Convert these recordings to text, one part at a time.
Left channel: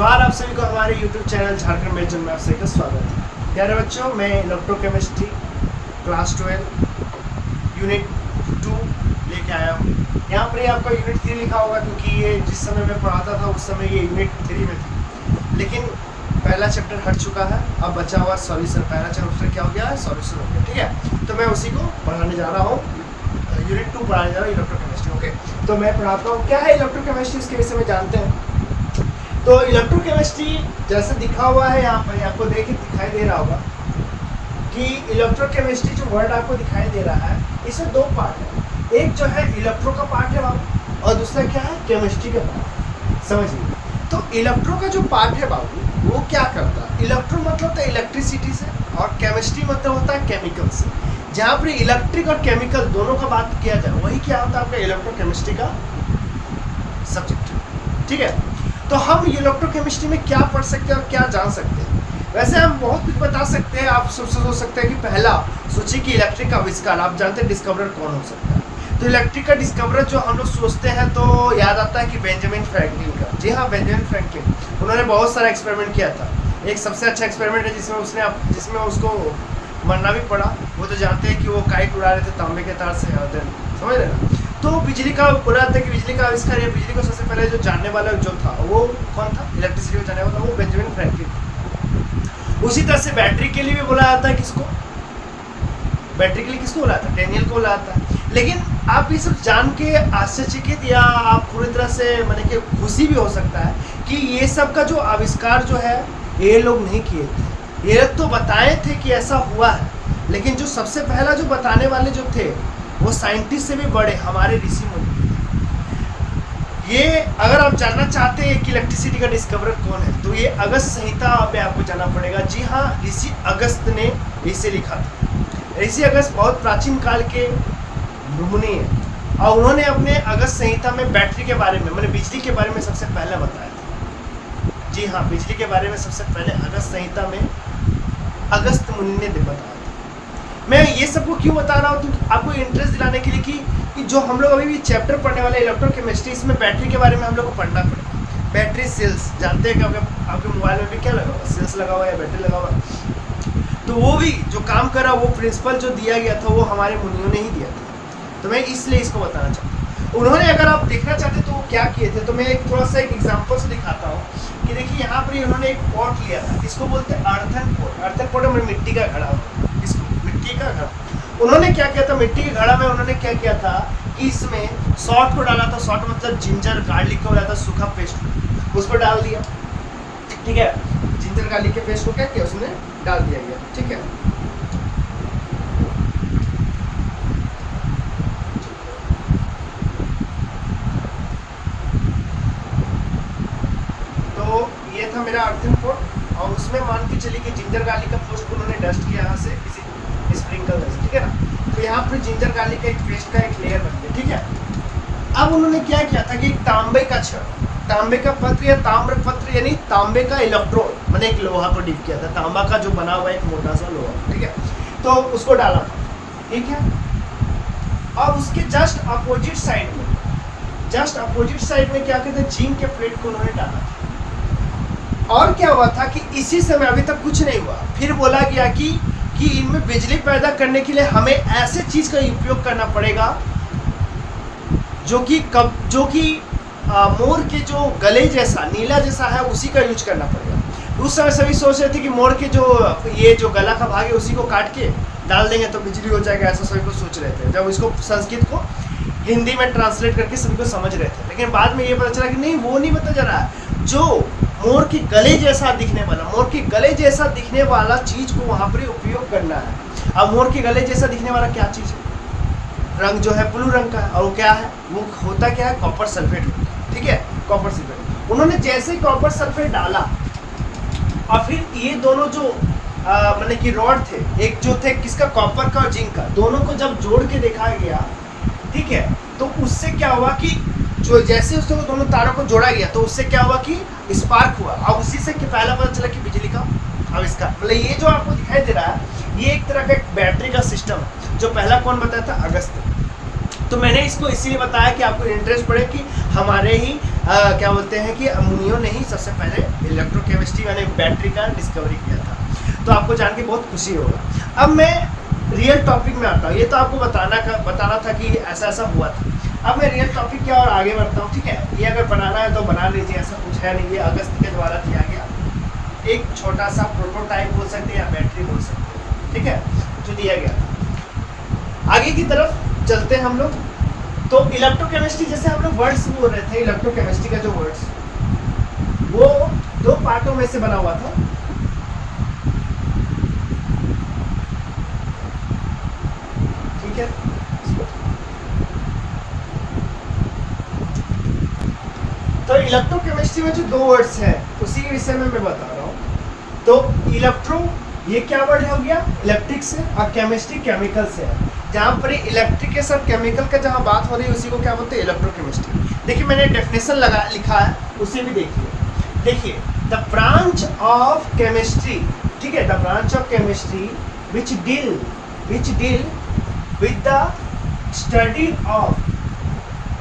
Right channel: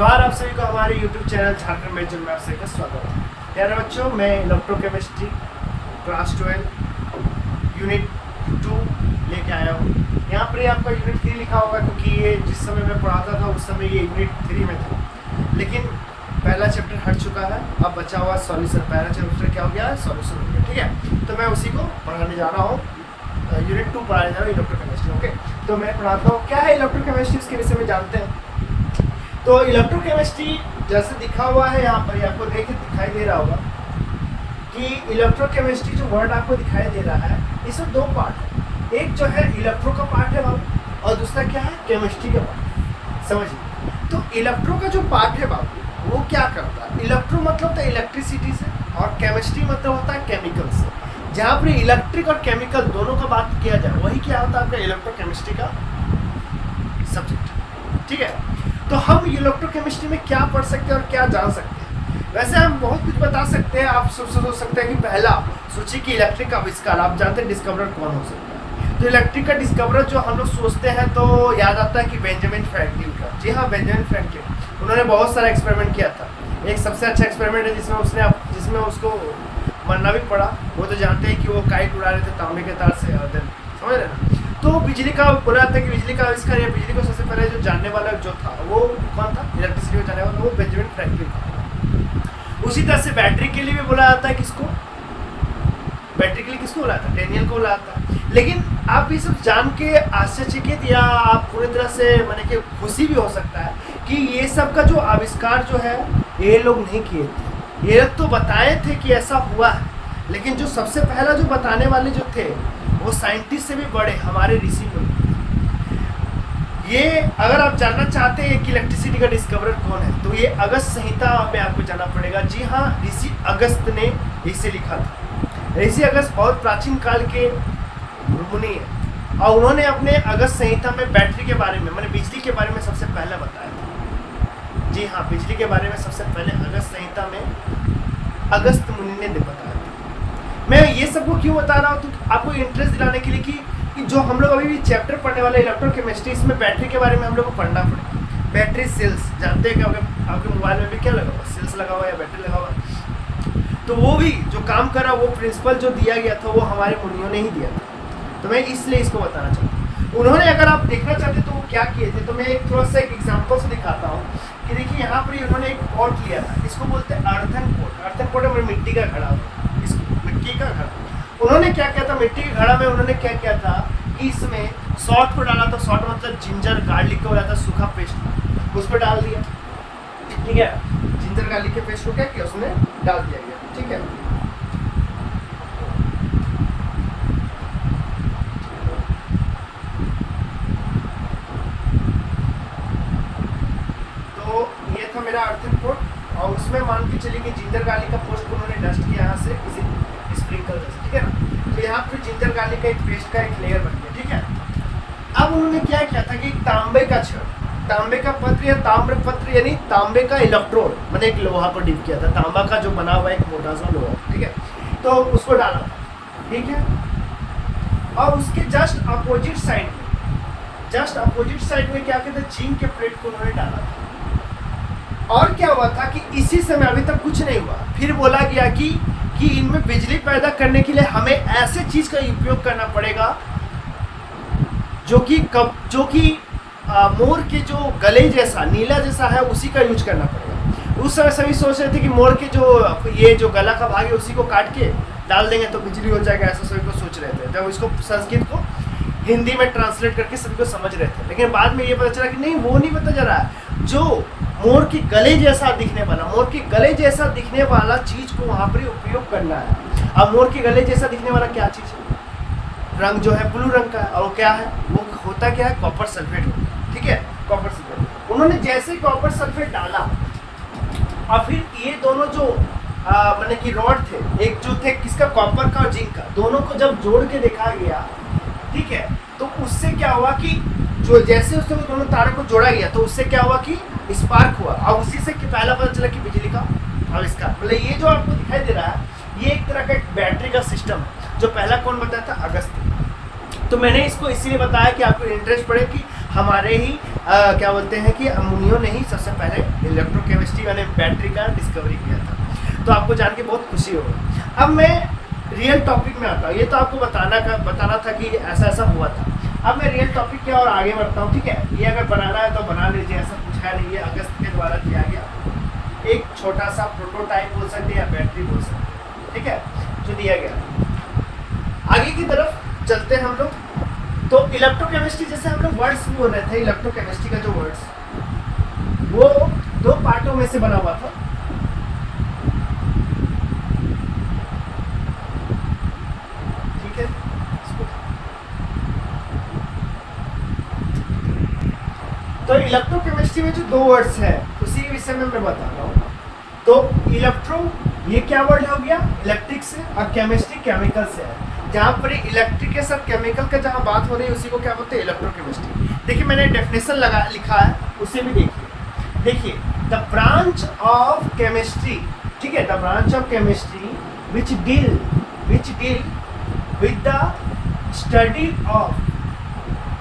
जोहार आप सभी को हमारे YouTube चैनल झारखंड मेजर में आप सभी का स्वागत है। प्यारे बच्चों, मैं इलेक्ट्रोकेमिस्ट्री क्लास 12 यूनिट 2 लेके आया हूँ। यहाँ पर आपका यूनिट 3 लिखा होगा क्योंकि ये जिस समय मैं पढ़ाता था उस समय ये यूनिट 3 में था, लेकिन पहला चैप्टर हट चुका है। अब बचा हुआ सॉल्यूशन, पहला चैप्टर क्या हो गया है, सॉल्यूशन हो गया। ठीक है, तो मैं उसी को पढ़ाने जा रहा हूँ, यूनिट 2 पढ़ाने जा रहा हूँ, इलेक्ट्रोकेमिस्ट्री। ओके, तो मैं पढ़ाता हूँ। क्या है इलेक्ट्रोकेमिस्ट्री, उसके विषय में जानते हैं। तो इलेक्ट्रोकेमिस्ट्री जैसे दिखा हुआ है यहाँ पर, आपको दिखाई दे रहा होगा कि इलेक्ट्रोकेमिस्ट्री जो वर्ड आपको दिखाई दे रहा है, इसमें दो पार्ट है। एक जो है इलेक्ट्रो का पार्ट है बाबू, और दूसरा क्या है, केमिस्ट्री का पार्ट। समझिए, तो इलेक्ट्रो का जो पार्ट है बाबू, वो क्या करता है। इलेक्ट्रो मतलब होता है इलेक्ट्रिसिटी से, और केमिस्ट्री मतलब होता है केमिकल से। जहाँ पर इलेक्ट्रिक और केमिकल दोनों का बात किया जाए, वही क्या होता है आपका इलेक्ट्रोकेमिस्ट्री का सब्जेक्ट। ठीक है, तो हम इलेक्ट्रोकेमिस्ट्री में क्या पढ़ सकते हैं और क्या जान सकते हैं। वैसे हम बहुत कुछ बता सकते हैं। आप सोच सकते हैं कि पहला सोचिए कि इलेक्ट्रिक का आविष्कार, आप जानते हैं डिस्कवरर कौन हो सकता है। तो इलेक्ट्रिक का डिस्कवरर जो हम लोग सोचते हैं तो याद आता है कि बेंजामिन फ्रैंकलिन का। जी हाँ, बेंजामिन फ्रैंकलिन, उन्होंने बहुत सारा एक्सपेरिमेंट किया था। एक सबसे अच्छा एक्सपेरिमेंट है जिसमें उसको मरना भी पड़ा। वो तो जानते हैं कि वो काइट उड़ा रहे थे तांबे के तार से, समझ रहे ना। तो बिजली का बोला जाता है कि बिजली का आविष्कार या बिजली को सबसे पहले जो जानने वाला जो था वो कौन था, इलेक्ट्रिसिटी को जानने वाला वो बेंजामिन फ्रैंकलिन था। उसी तरह से बैटरी के लिए भी बोला जाता है किसको, बैटरी के लिए किसको बोला जाता है, डेनियल को बोला जाता है। लेकिन आप ये सब जान के आश्चर्यचकित या आप पूरी तरह से माने कि खुशी भी हो सकता है कि ये सब का जो आविष्कार जो है ये लोग नहीं किए थे। ये लोग तो बताए थे कि ऐसा हुआ है, लेकिन जो सबसे पहला जो बताने वाले जो थे वो साइंटिस्ट से भी बड़े हमारे ऋषि मुनि। ये अगर आप जानना चाहते हैं कि इलेक्ट्रिसिटी का डिस्कवरर कौन है, तो ये अगस्त संहिता में आपको जाना पड़ेगा। जी हाँ, ऋषि अगस्त ने इसे लिखा था। ऋषि अगस्त बहुत प्राचीन काल के मुनि हैं, और उन्होंने अपने अगस्त संहिता में बैटरी के बारे में, मैंने बिजली के बारे में सबसे पहले बताया था। जी हाँ, बिजली के बारे में सबसे पहले अगस्त संहिता में अगस्त मुनि ने बताया। मैं ये सबको क्यों बता रहा हूँ, तो आपको इंटरेस्ट दिलाने के लिए कि जो हम लोग अभी भी चैप्टर पढ़ने वाले इलेक्ट्रोकेमिस्ट्री, इसमें बैटरी के बारे में हम लोग को पढ़ना पड़ेगा। बैटरी सेल्स जानते हैं कि आपके मोबाइल में भी क्या लगा हुआ, सेल्स लगा हुआ है या बैटरी लगा हुआ है। तो वो भी जो काम करा, वो प्रिंसिपल जो दिया गया था वो हमारे मुनियों ने ही दिया था। तो मैं इसलिए इसको बताना चाहता हूँ। उन्होंने, अगर आप देखना चाहते तो वो क्या किए थे, तो मैं एक थोड़ा सा एक एग्जाम्पल से दिखाता हूँ कि देखिए यहाँ पर उन्होंने एक पॉट लिया था, इसको बोलते हैं अर्थन पॉट। अर्थन पॉट है मिट्टी का घड़ा, मिट्टी का घड़ा। उन्होंने क्या किया था, मिट्टी के घड़ा में उन्होंने क्या किया था कि इसमें सॉल्ट को डाला था। सॉल्ट मतलब जिंजर गार्लिक का हो जाता है सूखा पेस्ट, उसको डाल दिया। ठीक है, जिंजर गार्लिक के पेस्ट को क्या किया, उसमें डाल दिया गया। ठीक है, तो ये था मेरा अर्थन पॉट, और उसमें मान के चलिए कि जिंजर गार्लिक का पेस्ट को उन्होंने डस्ट किया यहाँ से किसी स्प्रिंकल से। ठीक है ना, तो यहाँ पर जिंजर गार्लिक का एक पेस्ट का एक लेयर बन गया। ठीक है, अब उन्होंने क्या किया था कि तांबे का छड़, तांबे का पत्र या ताम्र पत्र यानी तांबे का इलेक्ट्रोड, मैंने एक लोहा को डीप किया था, तांबा का जो बना हुआ एक मोटा सा लोहा। ठीक है, तो उसको डाला था। ठीक है, और उसके जस्ट अपोजिट साइड में क्या कहते हैं, जिंक के प्लेट को उन्होंने डाला था। और क्या हुआ था कि इसी समय, अभी तक कुछ नहीं हुआ, फिर बोला गया कि इनमें बिजली पैदा करने के लिए हमें ऐसे चीज का उपयोग करना पड़ेगा जो कि मोर के जो गले जैसा नीला जैसा है, उसी का यूज करना पड़ेगा। उस समय सभी सोच रहे थे कि मोर के जो गला का भाग है उसी को काट के डाल देंगे तो बिजली हो जाएगा, ऐसा सभी को सोच रहे थे। जब इसको संस्कृत को हिंदी में ट्रांसलेट करके सभी को समझ रहे थे, लेकिन बाद में ये पता चला कि नहीं, वो नहीं पता जा रहा है। जो मोर के गले जैसा दिखने वाला चीज को वहां पर उपयोग करना है। अब मोर के गले जैसा दिखने वाला क्या चीज है, रंग जो है ब्लू रंग का है, और वो क्या है, वो होता क्या है, कॉपर सल्फेट होता है। ठीक है, कॉपर सल्फेट। उन्होंने जैसे ही कॉपर सल्फेट डाला, और फिर ये दोनों जो मैंने कि रॉड थे, एक जो थे किसका, कॉपर का और जिंक का, दोनों को जब जोड़ के देखा गया, ठीक है, तो उससे क्या हुआ कि जो जैसे उससे वो दोनों तारों को जोड़ा गया, तो उससे क्या हुआ कि स्पार्क हुआ, और उसी से पहला पता चला कि बिजली का आविष्कार। मतलब ये जो आपको दिखाई दे रहा है, ये एक तरह का बैटरी का सिस्टम है, जो पहला कौन बताया था, अगस्त। तो मैंने इसको इसीलिए बताया कि आपको इंटरेस्ट पड़े कि हमारे ही क्या बोलते हैं कि अमोनियो ने ही सबसे पहले इलेक्ट्रोकेमिस्ट्री यानी बैटरी का डिस्कवरी किया था। तो आपको जान के बहुत खुशी होगा। अब मैं रियल टॉपिक में आता हूँ। ये तो आपको बताना था कि ऐसा ऐसा हुआ था। अब मैं रियल टॉपिक क्या और आगे बढ़ता हूँ, ठीक है। ये अगर बनाना है तो बना लीजिए, ऐसा कुछ है नहीं। ये अगस्त के द्वारा दिया गया एक छोटा सा प्रोटोटाइप बोल सकते हैं या बैटरी बोल सकते हैं, ठीक है, जो दिया गया। आगे की तरफ चलते हैं हम लोग। तो इलेक्ट्रोकेमिस्ट्री जैसे हम लोग वर्ड्स बोल रहे थे, इलेक्ट्रोकेमिस्ट्री का जो वर्ड्स वो 2 पार्टों में से बना हुआ था। ठीक है, तो इलेक्ट्रोकेमिस्ट्री में जो 2 वर्ड्स है उसी के विषय में मैं बता रहा हूँ। तो इलेक्ट्रो ये क्या वर्ड हो गया, इलेक्ट्रिक से, और केमिस्ट्री केमिकल से है। जहाँ पर इलेक्ट्रिक के साथ केमिकल का जहाँ बात हो रही है उसी को क्या बोलते हैं, इलेक्ट्रोकेमिस्ट्री। देखिए मैंने डेफिनेशन लिखा है, उसे भी देखिए द ब्रांच ऑफ केमिस्ट्री, ठीक है, the branch of chemistry which deal with the study of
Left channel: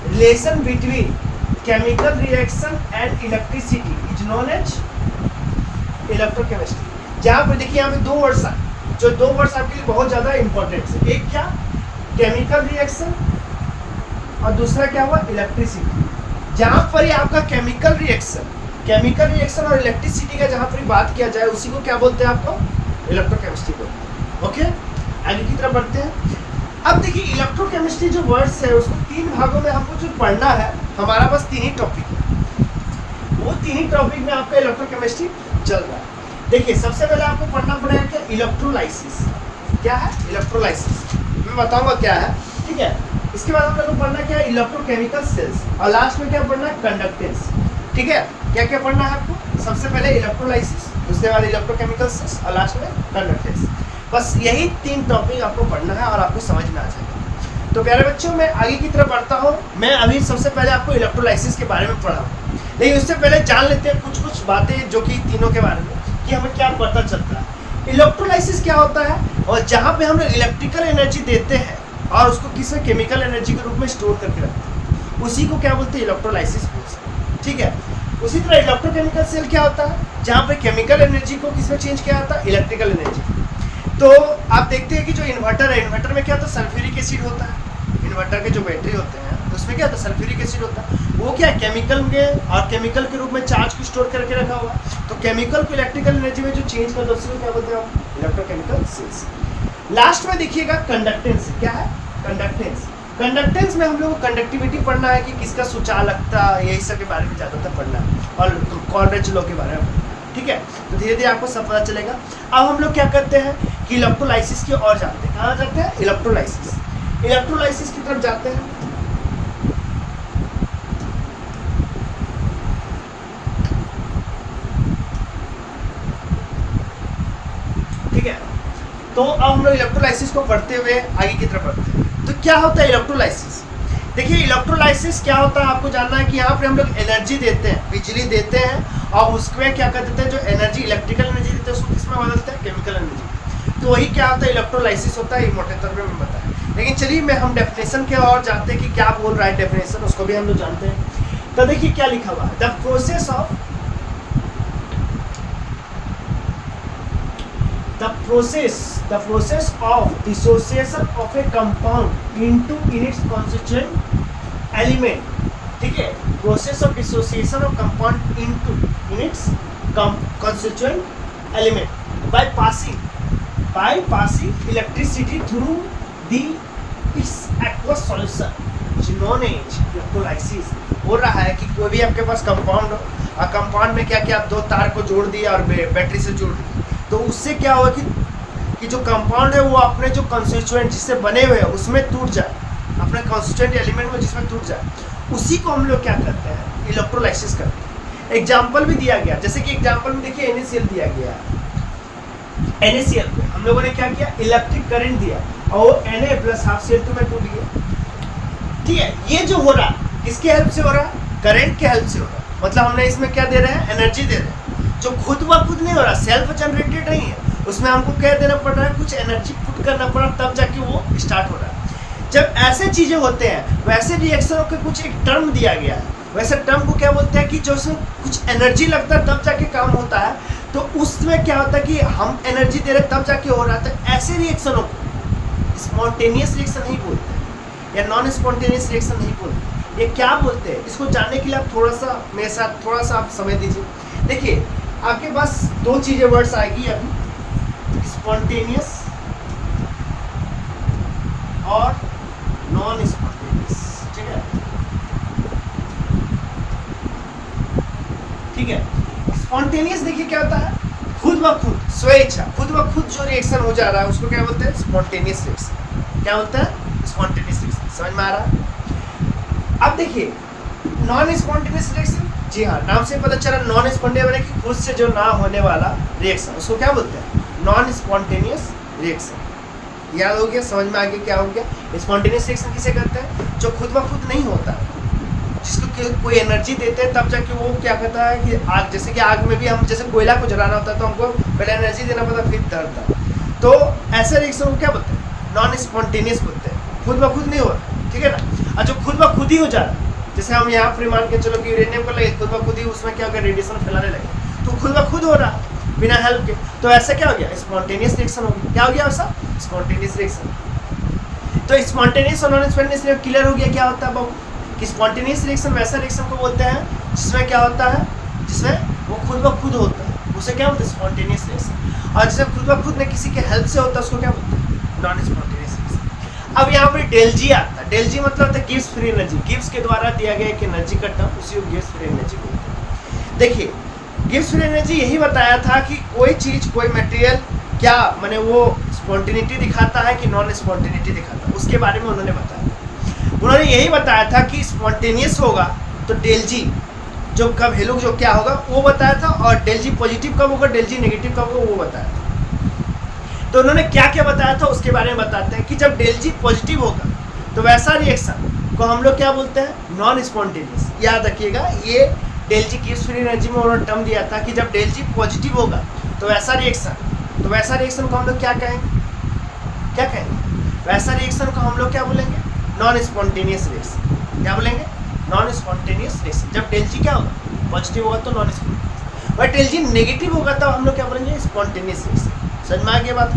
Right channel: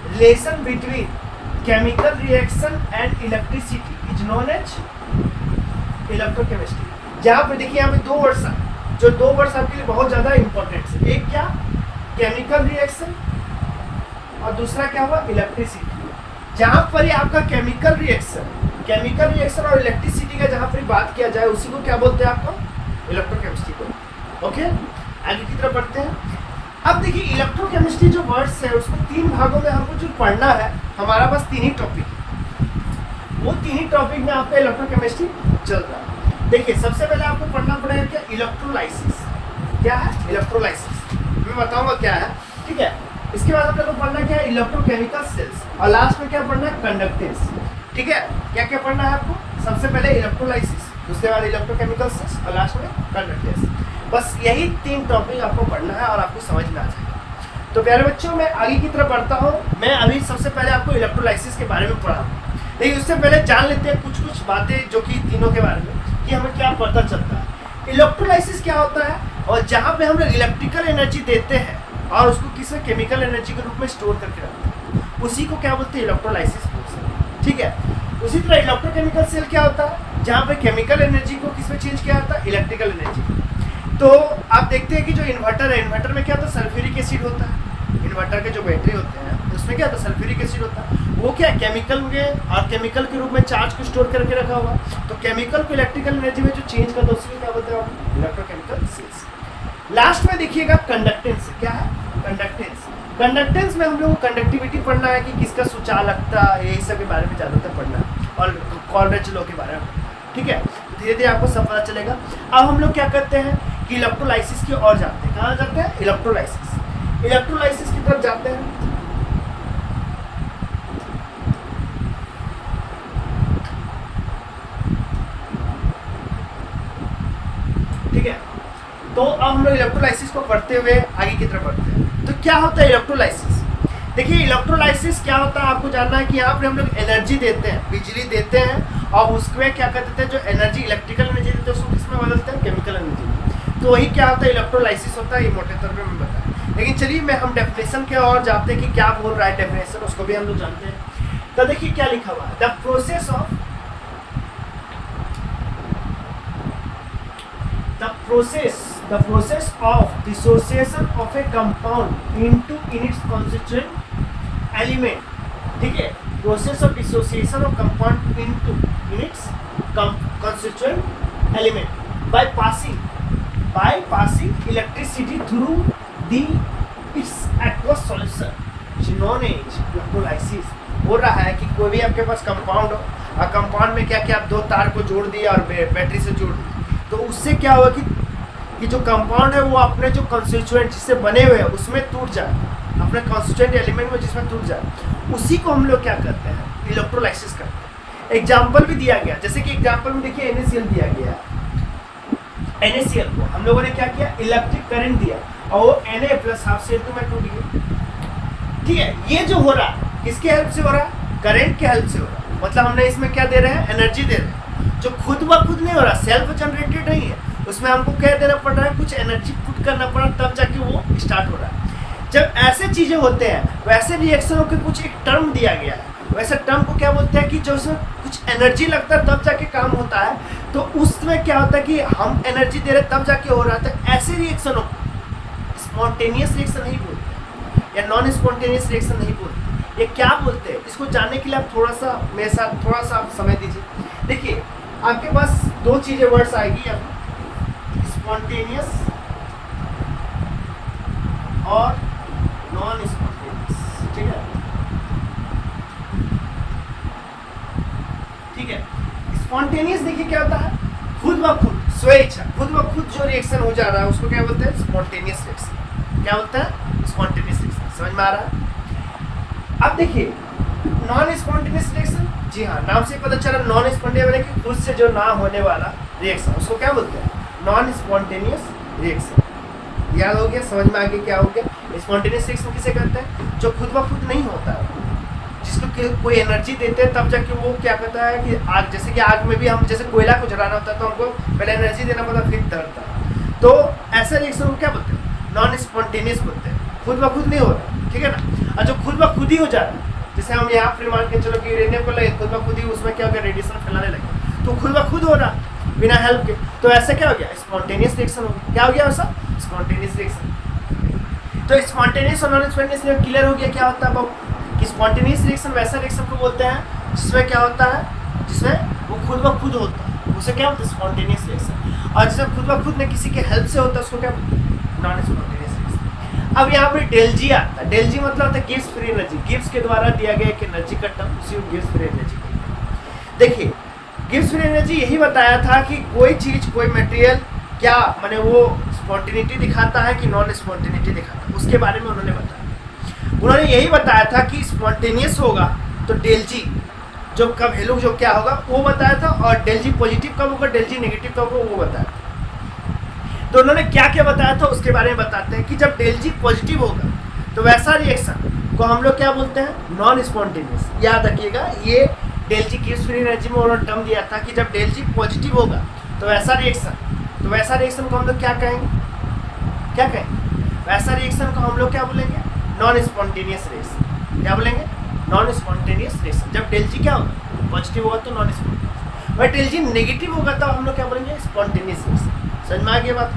relation between chemical reaction and electricity is known as electrochemistry। जहाँ पे देखिए यहाँ पे 2 वर्ड्स जो 2 वर्ड्स आपके लिए बहुत ज़्यादा इंपॉर्टेंट है। एक क्या, केमिकल रिएक्शन, और दूसरा क्या हुआ, इलेक्ट्रिसिटी। जहाँ पर ही आपका केमिकल रिएक्शन और इलेक्ट्रिसिटी का जहाँ पर बात किया जाए उसी को क्या बोलते हैं, आपको इलेक्ट्रोकेमिस्ट्री बोलते हैं। ओके, आगे की तरफ बढ़ते हैं। अब देखिए इलेक्ट्रोकेमिस्ट्री जो वर्ड्स है उसको 3 भागों में हमको जो पढ़ना है, हमारा बस 3 ही टॉपिक है। वो 3 ही टॉपिक में आपका इलेक्ट्रोकेमिस्ट्री चल रहा है। देखिए सबसे पहले आपको पढ़ना पड़ेगा क्या, इलेक्ट्रोलाइसिस। क्या है इलेक्ट्रोलाइसिस, मैं बताऊंगा क्या है, ठीक है। इसके बाद हम लोग को पढ़ना क्या है, इलेक्ट्रोकेमिकल सेल्स, और लास्ट में क्या पढ़ना है, कंडक्टेंस। ठीक है, क्या क्या पढ़ना है आपको, सबसे पहले इलेक्ट्रोलाइसिस, उसके बाद इलेक्ट्रोकेमिकल सेल्स, और लास्ट में कंडक्टेंस। बस यही 3 टॉपिक आपको पढ़ना है और आपको समझ में आ जाएगा। तो प्यारे बच्चों मैं आगे की तरफ बढ़ता हूँ। मैं अभी सबसे पहले आपको इलेक्ट्रोलाइसिस के बारे में पढ़ा, लेकिन उससे पहले जान लेते हैं कुछ बातें जो कि तीनों के बारे में, कि हमें क्या पता चलता है। इलेक्ट्रोलाइसिस क्या होता है, और जहाँ पे हम लोग इलेक्ट्रिकल एनर्जी देते हैं और उसको किसी केमिकल एनर्जी के रूप में स्टोर करके रखते हैं, उसी को क्या बोलते हैं, इलेक्ट्रोलाइसिस बोलते हैं। ठीक है, उसी तरह इलेक्ट्रोकेमिकल सेल क्या होता है, जहाँ पे केमिकल एनर्जी को किसमें चेंज किया जाता है, इलेक्ट्रिकल एनर्जी। तो आप देखते हैं कि जो इन्वर्टर है, इन्वर्टर में क्या होता है, सल्फ्यूरिक एसिड होता है। इन्वर्टर के जो बैटरी होते हैं उसमें क्या होता है, सल्फ्यूरिक एसिड होता है। वो क्या है, केमिकल में, और केमिकल के रूप में चार्ज को स्टोर करके रखा हुआ है। तो केमिकल को इलेक्ट्रिकल एनर्जी में जो चेंज करता है उसी को क्या बोलते हैं, इलेक्ट्रोकेमिकल सेल्स। लास्ट में देखिएगा कंडक्टेंस। क्या है कंडक्टेंस, कंडक्टेंस में हम लोग को कंडक्टिविटी पढ़ना है कि किसका सूचालकता, यही सब के बारे में ज़्यादातर पढ़ना है, और कॉलरेज लॉ के बारे में पढ़ना है। ठीक है, तो धीरे धीरे आपको सब पता चलेगा। अब हम लोग क्या करते हैं कि इलेक्ट्रोलाइसिस की ओर जाते हैं। कहाँ जाते हैं, इलेक्ट्रोलाइसिस की तरफ जाते हैं। ठीक है, तो अब हम लोग इलेक्ट्रोलाइसिस को पढ़ते हुए आगे की तरफ बढ़ते हैं। तो क्या होता है इलेक्ट्रोलाइसिस, देखिए इलेक्ट्रोलाइसिस क्या होता है आपको जानना है कि यहाँ पर हम लोग एनर्जी देते हैं, बिजली देते हैं, और उसमें क्या कर देते हैं, जो एनर्जी इलेक्ट्रिकल एनर्जी देते हैं उसको किसमें बदलते हैं, केमिकल एनर्जी। तो वही क्या होता है, इलेक्ट्रोलाइसिस होता है। ये मोटे तौर पे मैं बताया, लेकिन चलिए मैं हम डेफिनेशन के और जाते हैं कि क्या बोल रहा है डेफिनेशन, उसको भी हम लोग जानते हैं। तो देखिए क्या लिखा हुआ है, the process of dissociation of a compound into in its constituent element. ठीक है, process of dissociation of compound into in its constituent element by passing electricity through the its aqueous solution known as electrolysis. बोल रहा है कि कोई भी आपके पास compound हो, और कंपाउंड में क्या क्या 2 तार को जोड़ दिया और बैटरी से जोड़ दिया, तो उससे क्या होगा कि जो कंपाउंड है वो अपने जो कंस्टिट्यूएंट जिससे बने हुए हैं उसमें टूट जाए, अपने कंस्टिट्यूएंट एलिमेंट में जिसमें टूट जाए, उसी को हम लोग क्या करते हैं, इलेक्ट्रोलाइसिस करते हैं। एग्जाम्पल भी दिया गया, जैसे कि एग्जाम्पल में देखिए NaCl दिया गया है। NaCl को हम लोगों ने क्या किया, इलेक्ट्रिक करंट दिया, और वो Na+12Cl2 में टूट गया। ठीक है, ये जो हो रहा है किसके हेल्प से हो रहा है, करंट के हेल्प से हो रहा है। मतलब हमने इसमें क्या दे रहे हैं, एनर्जी दे रहे हैं, जो खुद ब खुद नहीं हो रहा, सेल्फ जनरेटेड नहीं है, उसमें हमको क्या देना पड़ रहा है, कुछ एनर्जी पुट करना पड़ा, तब जाके वो स्टार्ट हो रहा है। जब ऐसे चीजें होते हैं, वैसे रिएक्शनों के कुछ एक टर्म दिया गया है, वैसे टर्म को क्या बोलते हैं कि जो उसमें कुछ एनर्जी लगता है तब जाके काम होता है, तो उसमें क्या होता है कि हम एनर्जी दे रहे तब जाके हो रहा था। ऐसे रिएक्शनों को स्पॉन्टेनियस रिएक्शन नहीं बोलते या नॉन स्पॉन्टेनियस रिएक्शन नहीं बोलते। ये क्या बोलते हैं, इसको जानने के लिए आप थोड़ा सा मेरे साथ थोड़ा सा आप समय दीजिए। देखिए आपके पास दो चीजें वर्ड्स आएगी अभी, स्पॉन्टेनियस और नॉन स्पॉन्टेनियस। ठीक है, ठीक है। स्पॉन्टेनियस देखिए क्या होता है, खुद ब खुद, स्वेच्छा, खुद ब खुद जो रिएक्शन हो जा रहा है उसको क्या बोलते हैं, स्पॉन्टेनियस रिएक्शन। क्या बोलते हैं, स्पॉन्टेनियस रिएक्शन। समझ में आ रहा है। अब देखिए नॉन स्पॉन्टेनियस रिएक्शन, जी हाँ, नाम से पता चला नॉन स्पॉन्टेनियस यानी कि खुद से जो ना होने वाला रिएक्शन, उसको क्या बोलते हैं, नॉन स्पॉन्टेनियस रिएक्शन। याद हो गया, समझ में आ गया क्या हो गया। स्पॉन्टेनियस रिएक्शन किसे कहते हैं, जो खुद ब खुद नहीं होता है, जिसको कोई एनर्जी देते हैं तब जाके वो क्या कहता है कि आग, जैसे कि आग में भी हम जैसे कोयला को जलाना होता है तो हमको पहले एनर्जी देना पड़ता है फिर डरता है। तो ऐसे रिएक्शन को क्या बोलते हैं, नॉन स्पॉन्टेनियस बोलते हैं, खुद ब खुद नहीं हो रहा, ठीक है ना। और जो खुद ब खुद ही हो जा रहा है, जैसे हम यहाँ पर मान के चलो कि यूरेनियम को लगे, खुद ब खुद ही उसमें क्या हो गया, रेडिएशन फैलाने लगे, तो खुद ब खुद हो रहा बिना हेल्प के, तो ऐसा क्या हो गया, स्पॉन्टेनियस रिएक्शन हो गया। क्या हो गया ऐसा, स्पॉन्टेनियस रिएक्शन। तो स्पॉन्टेनियस और नॉन स्पॉन्टेनियस क्लियर हो गया क्या होता है बाबू, कि स्पॉन्टेनियस रिएक्शन वैसा रिएक्शन को बोलते हैं जिसमें क्या होता है, जिसमें वो खुद ब खुद होता है, उसे क्या बोलते हैं, स्पॉन्टेनियस रिएक्शन। और जिसमें खुद ब खुद ने किसी के हेल्प से होता है उसको क्या बोलते हैं, नॉन स्पॉन्टेनियस रिएक्शन। अब यहाँ पर डेल जी आता है। डेल जी मतलब होता है गिव्स फ्री एनर्जी, गिव्स के द्वारा दिया गया एक एनर्जी का टर्म, उसी को गिव्स फ्री एनर्जी बोलते हैं। देखिए गिव्स फ्री एनर्जी यही बताया था कि कोई चीज, कोई मटेरियल क्या माने वो स्पॉन्टेनिटी दिखाता है कि नॉन स्पॉन्टेनिटी दिखाता है, उसके बारे में उन्होंने बताया। उन्होंने यही बताया था कि स्पॉन्टेनियस होगा तो डेल जी जो कब वैल्यू जो क्या होगा वो बताया था, और डेल जी पॉजिटिव कब होगा, डेल जी नेगेटिव कब होगा वो बताया था। तो उन्होंने क्या क्या बताया था उसके बारे में बताते हैं कि जब डेल जी पॉजिटिव होगा तो वैसा रिएक्शन को हम लोग क्या बोलते हैं, नॉन स्पॉन्टेनियस। याद रखिएगा, ये डेल जी गिव्स फ्री एनर्जी में उन्होंने टर्म दिया था कि जब डेल जी पॉजिटिव होगा तो वैसा रिएक्शन को हम लोग क्या कहेंगे, क्या कहेंगे, वैसा रिएक्शन को हम लोग क्या बोलेंगे, नॉन स्पॉन्टेनियस रिएक्शन। क्या बोलेंगे, नॉन स्पॉन्टेनियस रिएक्शन। जब डेल जी क्या होगा, पॉजिटिव होगा तो नॉन स्पॉन्टेनियस, और डेल जी नेगेटिव होगा तब हम लोग क्या बोलेंगे, स्पॉन्टेनियस रिएक्शन। समझ में आ गया बात।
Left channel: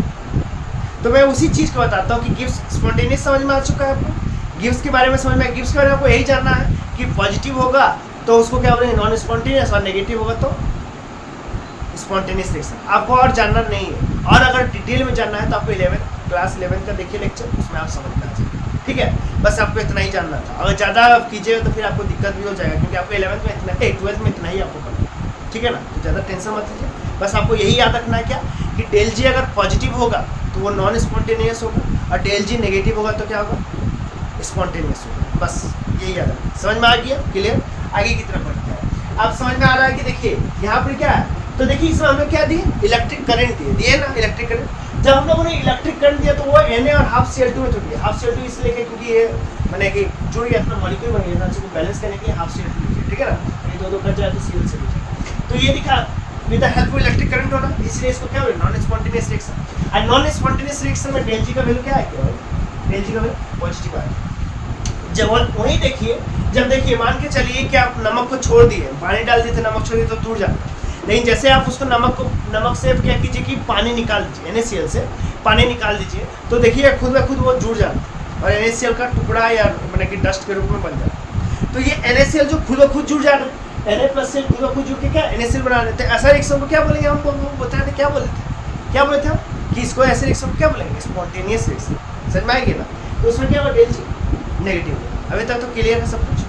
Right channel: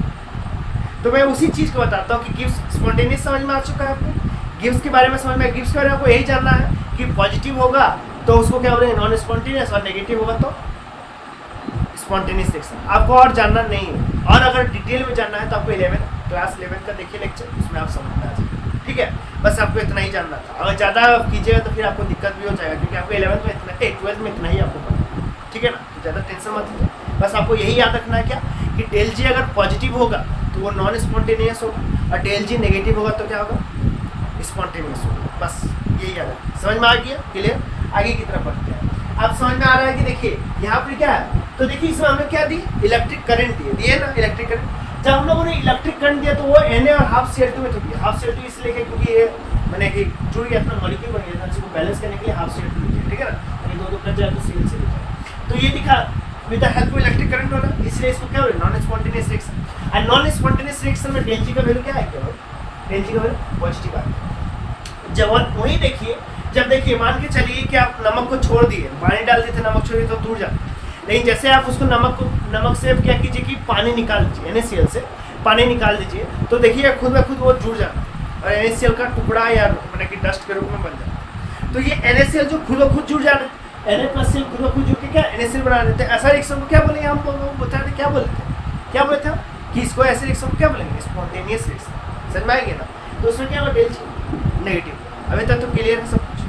तो मैं उसी चीज़ को बताता हूँ कि गिव्स स्पॉन्टेनियस समझ में आ चुका है आपको, गिव्स के बारे में समझ में, गिव्स के बारे में आपको यही जानना है कि पॉजिटिव होगा तो उसको क्या बोलेंगे, नॉन स्पॉन्टेनियस, और नेगेटिव होगा तो स्पॉन्टेनियस रिएक्शन। आपको और जानना नहीं है, और अगर डिटेल में जानना है तो आपको क्लास 11 का देखिए लेक्चर, उसमें आप समझ में आ जाएगा। ठीक है, बस आपको इतना ही जानना था। अगर ज़्यादा कीजिएगा तो फिर आपको दिक्कत भी हो जाएगा, क्योंकि आपको 11th में इतना, 12th में इतना ही आपको पढ़ना, ठीक है ना। तो ज़्यादा टेंशन मत लीजिए, बस आपको यही याद रखना है क्या, कि डेल जी अगर पॉजिटिव होगा तो वो नॉन स्पॉन्टेनियस होगा, और डेल जी नेगेटिव होगा तो क्या होगा, स्पॉन्टेनियस होगा। बस यही याद रखना। समझ में आ गया, क्लियर। आगे की तरफ बढ़ते हैं। अब समझ में आ रहा है कि देखिए यहाँ पर क्या है, तो देखिए इसमें हमने क्या दिए, इलेक्ट्रिक करंट दिए ना, इलेक्ट्रिक करंट। जब हम लोगों ने इलेक्ट्रिक करंट दिया तो वो Na और हाफ Cl2 में जुड़ गया। हाफ Cl2 इसलिए क्योंकि ये मैंने कि जुड़ गया, अपना मॉलिक्यूल बन गया था, इसको बैलेंस करने के लिए हाफ Cl2 लीजिए, ठीक है ना। ये दो कट जाए तो Cl से लीजिए, तो ये दिखा with the help of electric current होना, इसलिए इसको क्या बोले, नॉन स्पॉन्टेनियस रिएक्शन। और नॉन स्पॉन्टेनियस रिएक्शन में डेल जी का वैल्यू क्या है, क्या डेल जी का वैल्यू पॉजिटिव है। जब वही देखिए, जब देखिए मान के चलिए कि आप नमक को छोड़ दिए, पानी डाल दिए थे, नमक छोड़ दिए तो टूट जाता, लेकिन जैसे आप उसको नमक से क्या कीजिए कि पानी निकाल दीजिए, NaCl से पानी निकाल दीजिए, तो देखिए खुद ब खुद वो जुड़ जाता और NaCl का टुकड़ा या मतलब कि डस्ट के रूप में बन जाता। तो ये NaCl जो खुद ब खुद जुड़ जा रहा है, Na+Cl खुद ब खुद जुड़ के क्या NaCl बना लेते हैं। ऐसा रिएक्शन को क्या बोलेंगे, हम बताते क्या बोले थे हम कि इसको ऐसे रिएक्शन को क्या बोलेंगे, स्पॉन्टेनियस रिएक्शन। समझ में आएगी ना। तो उसमें क्या होगा, डेल जी नेगेटिव। अभी तक तो क्लियर है सब कुछ।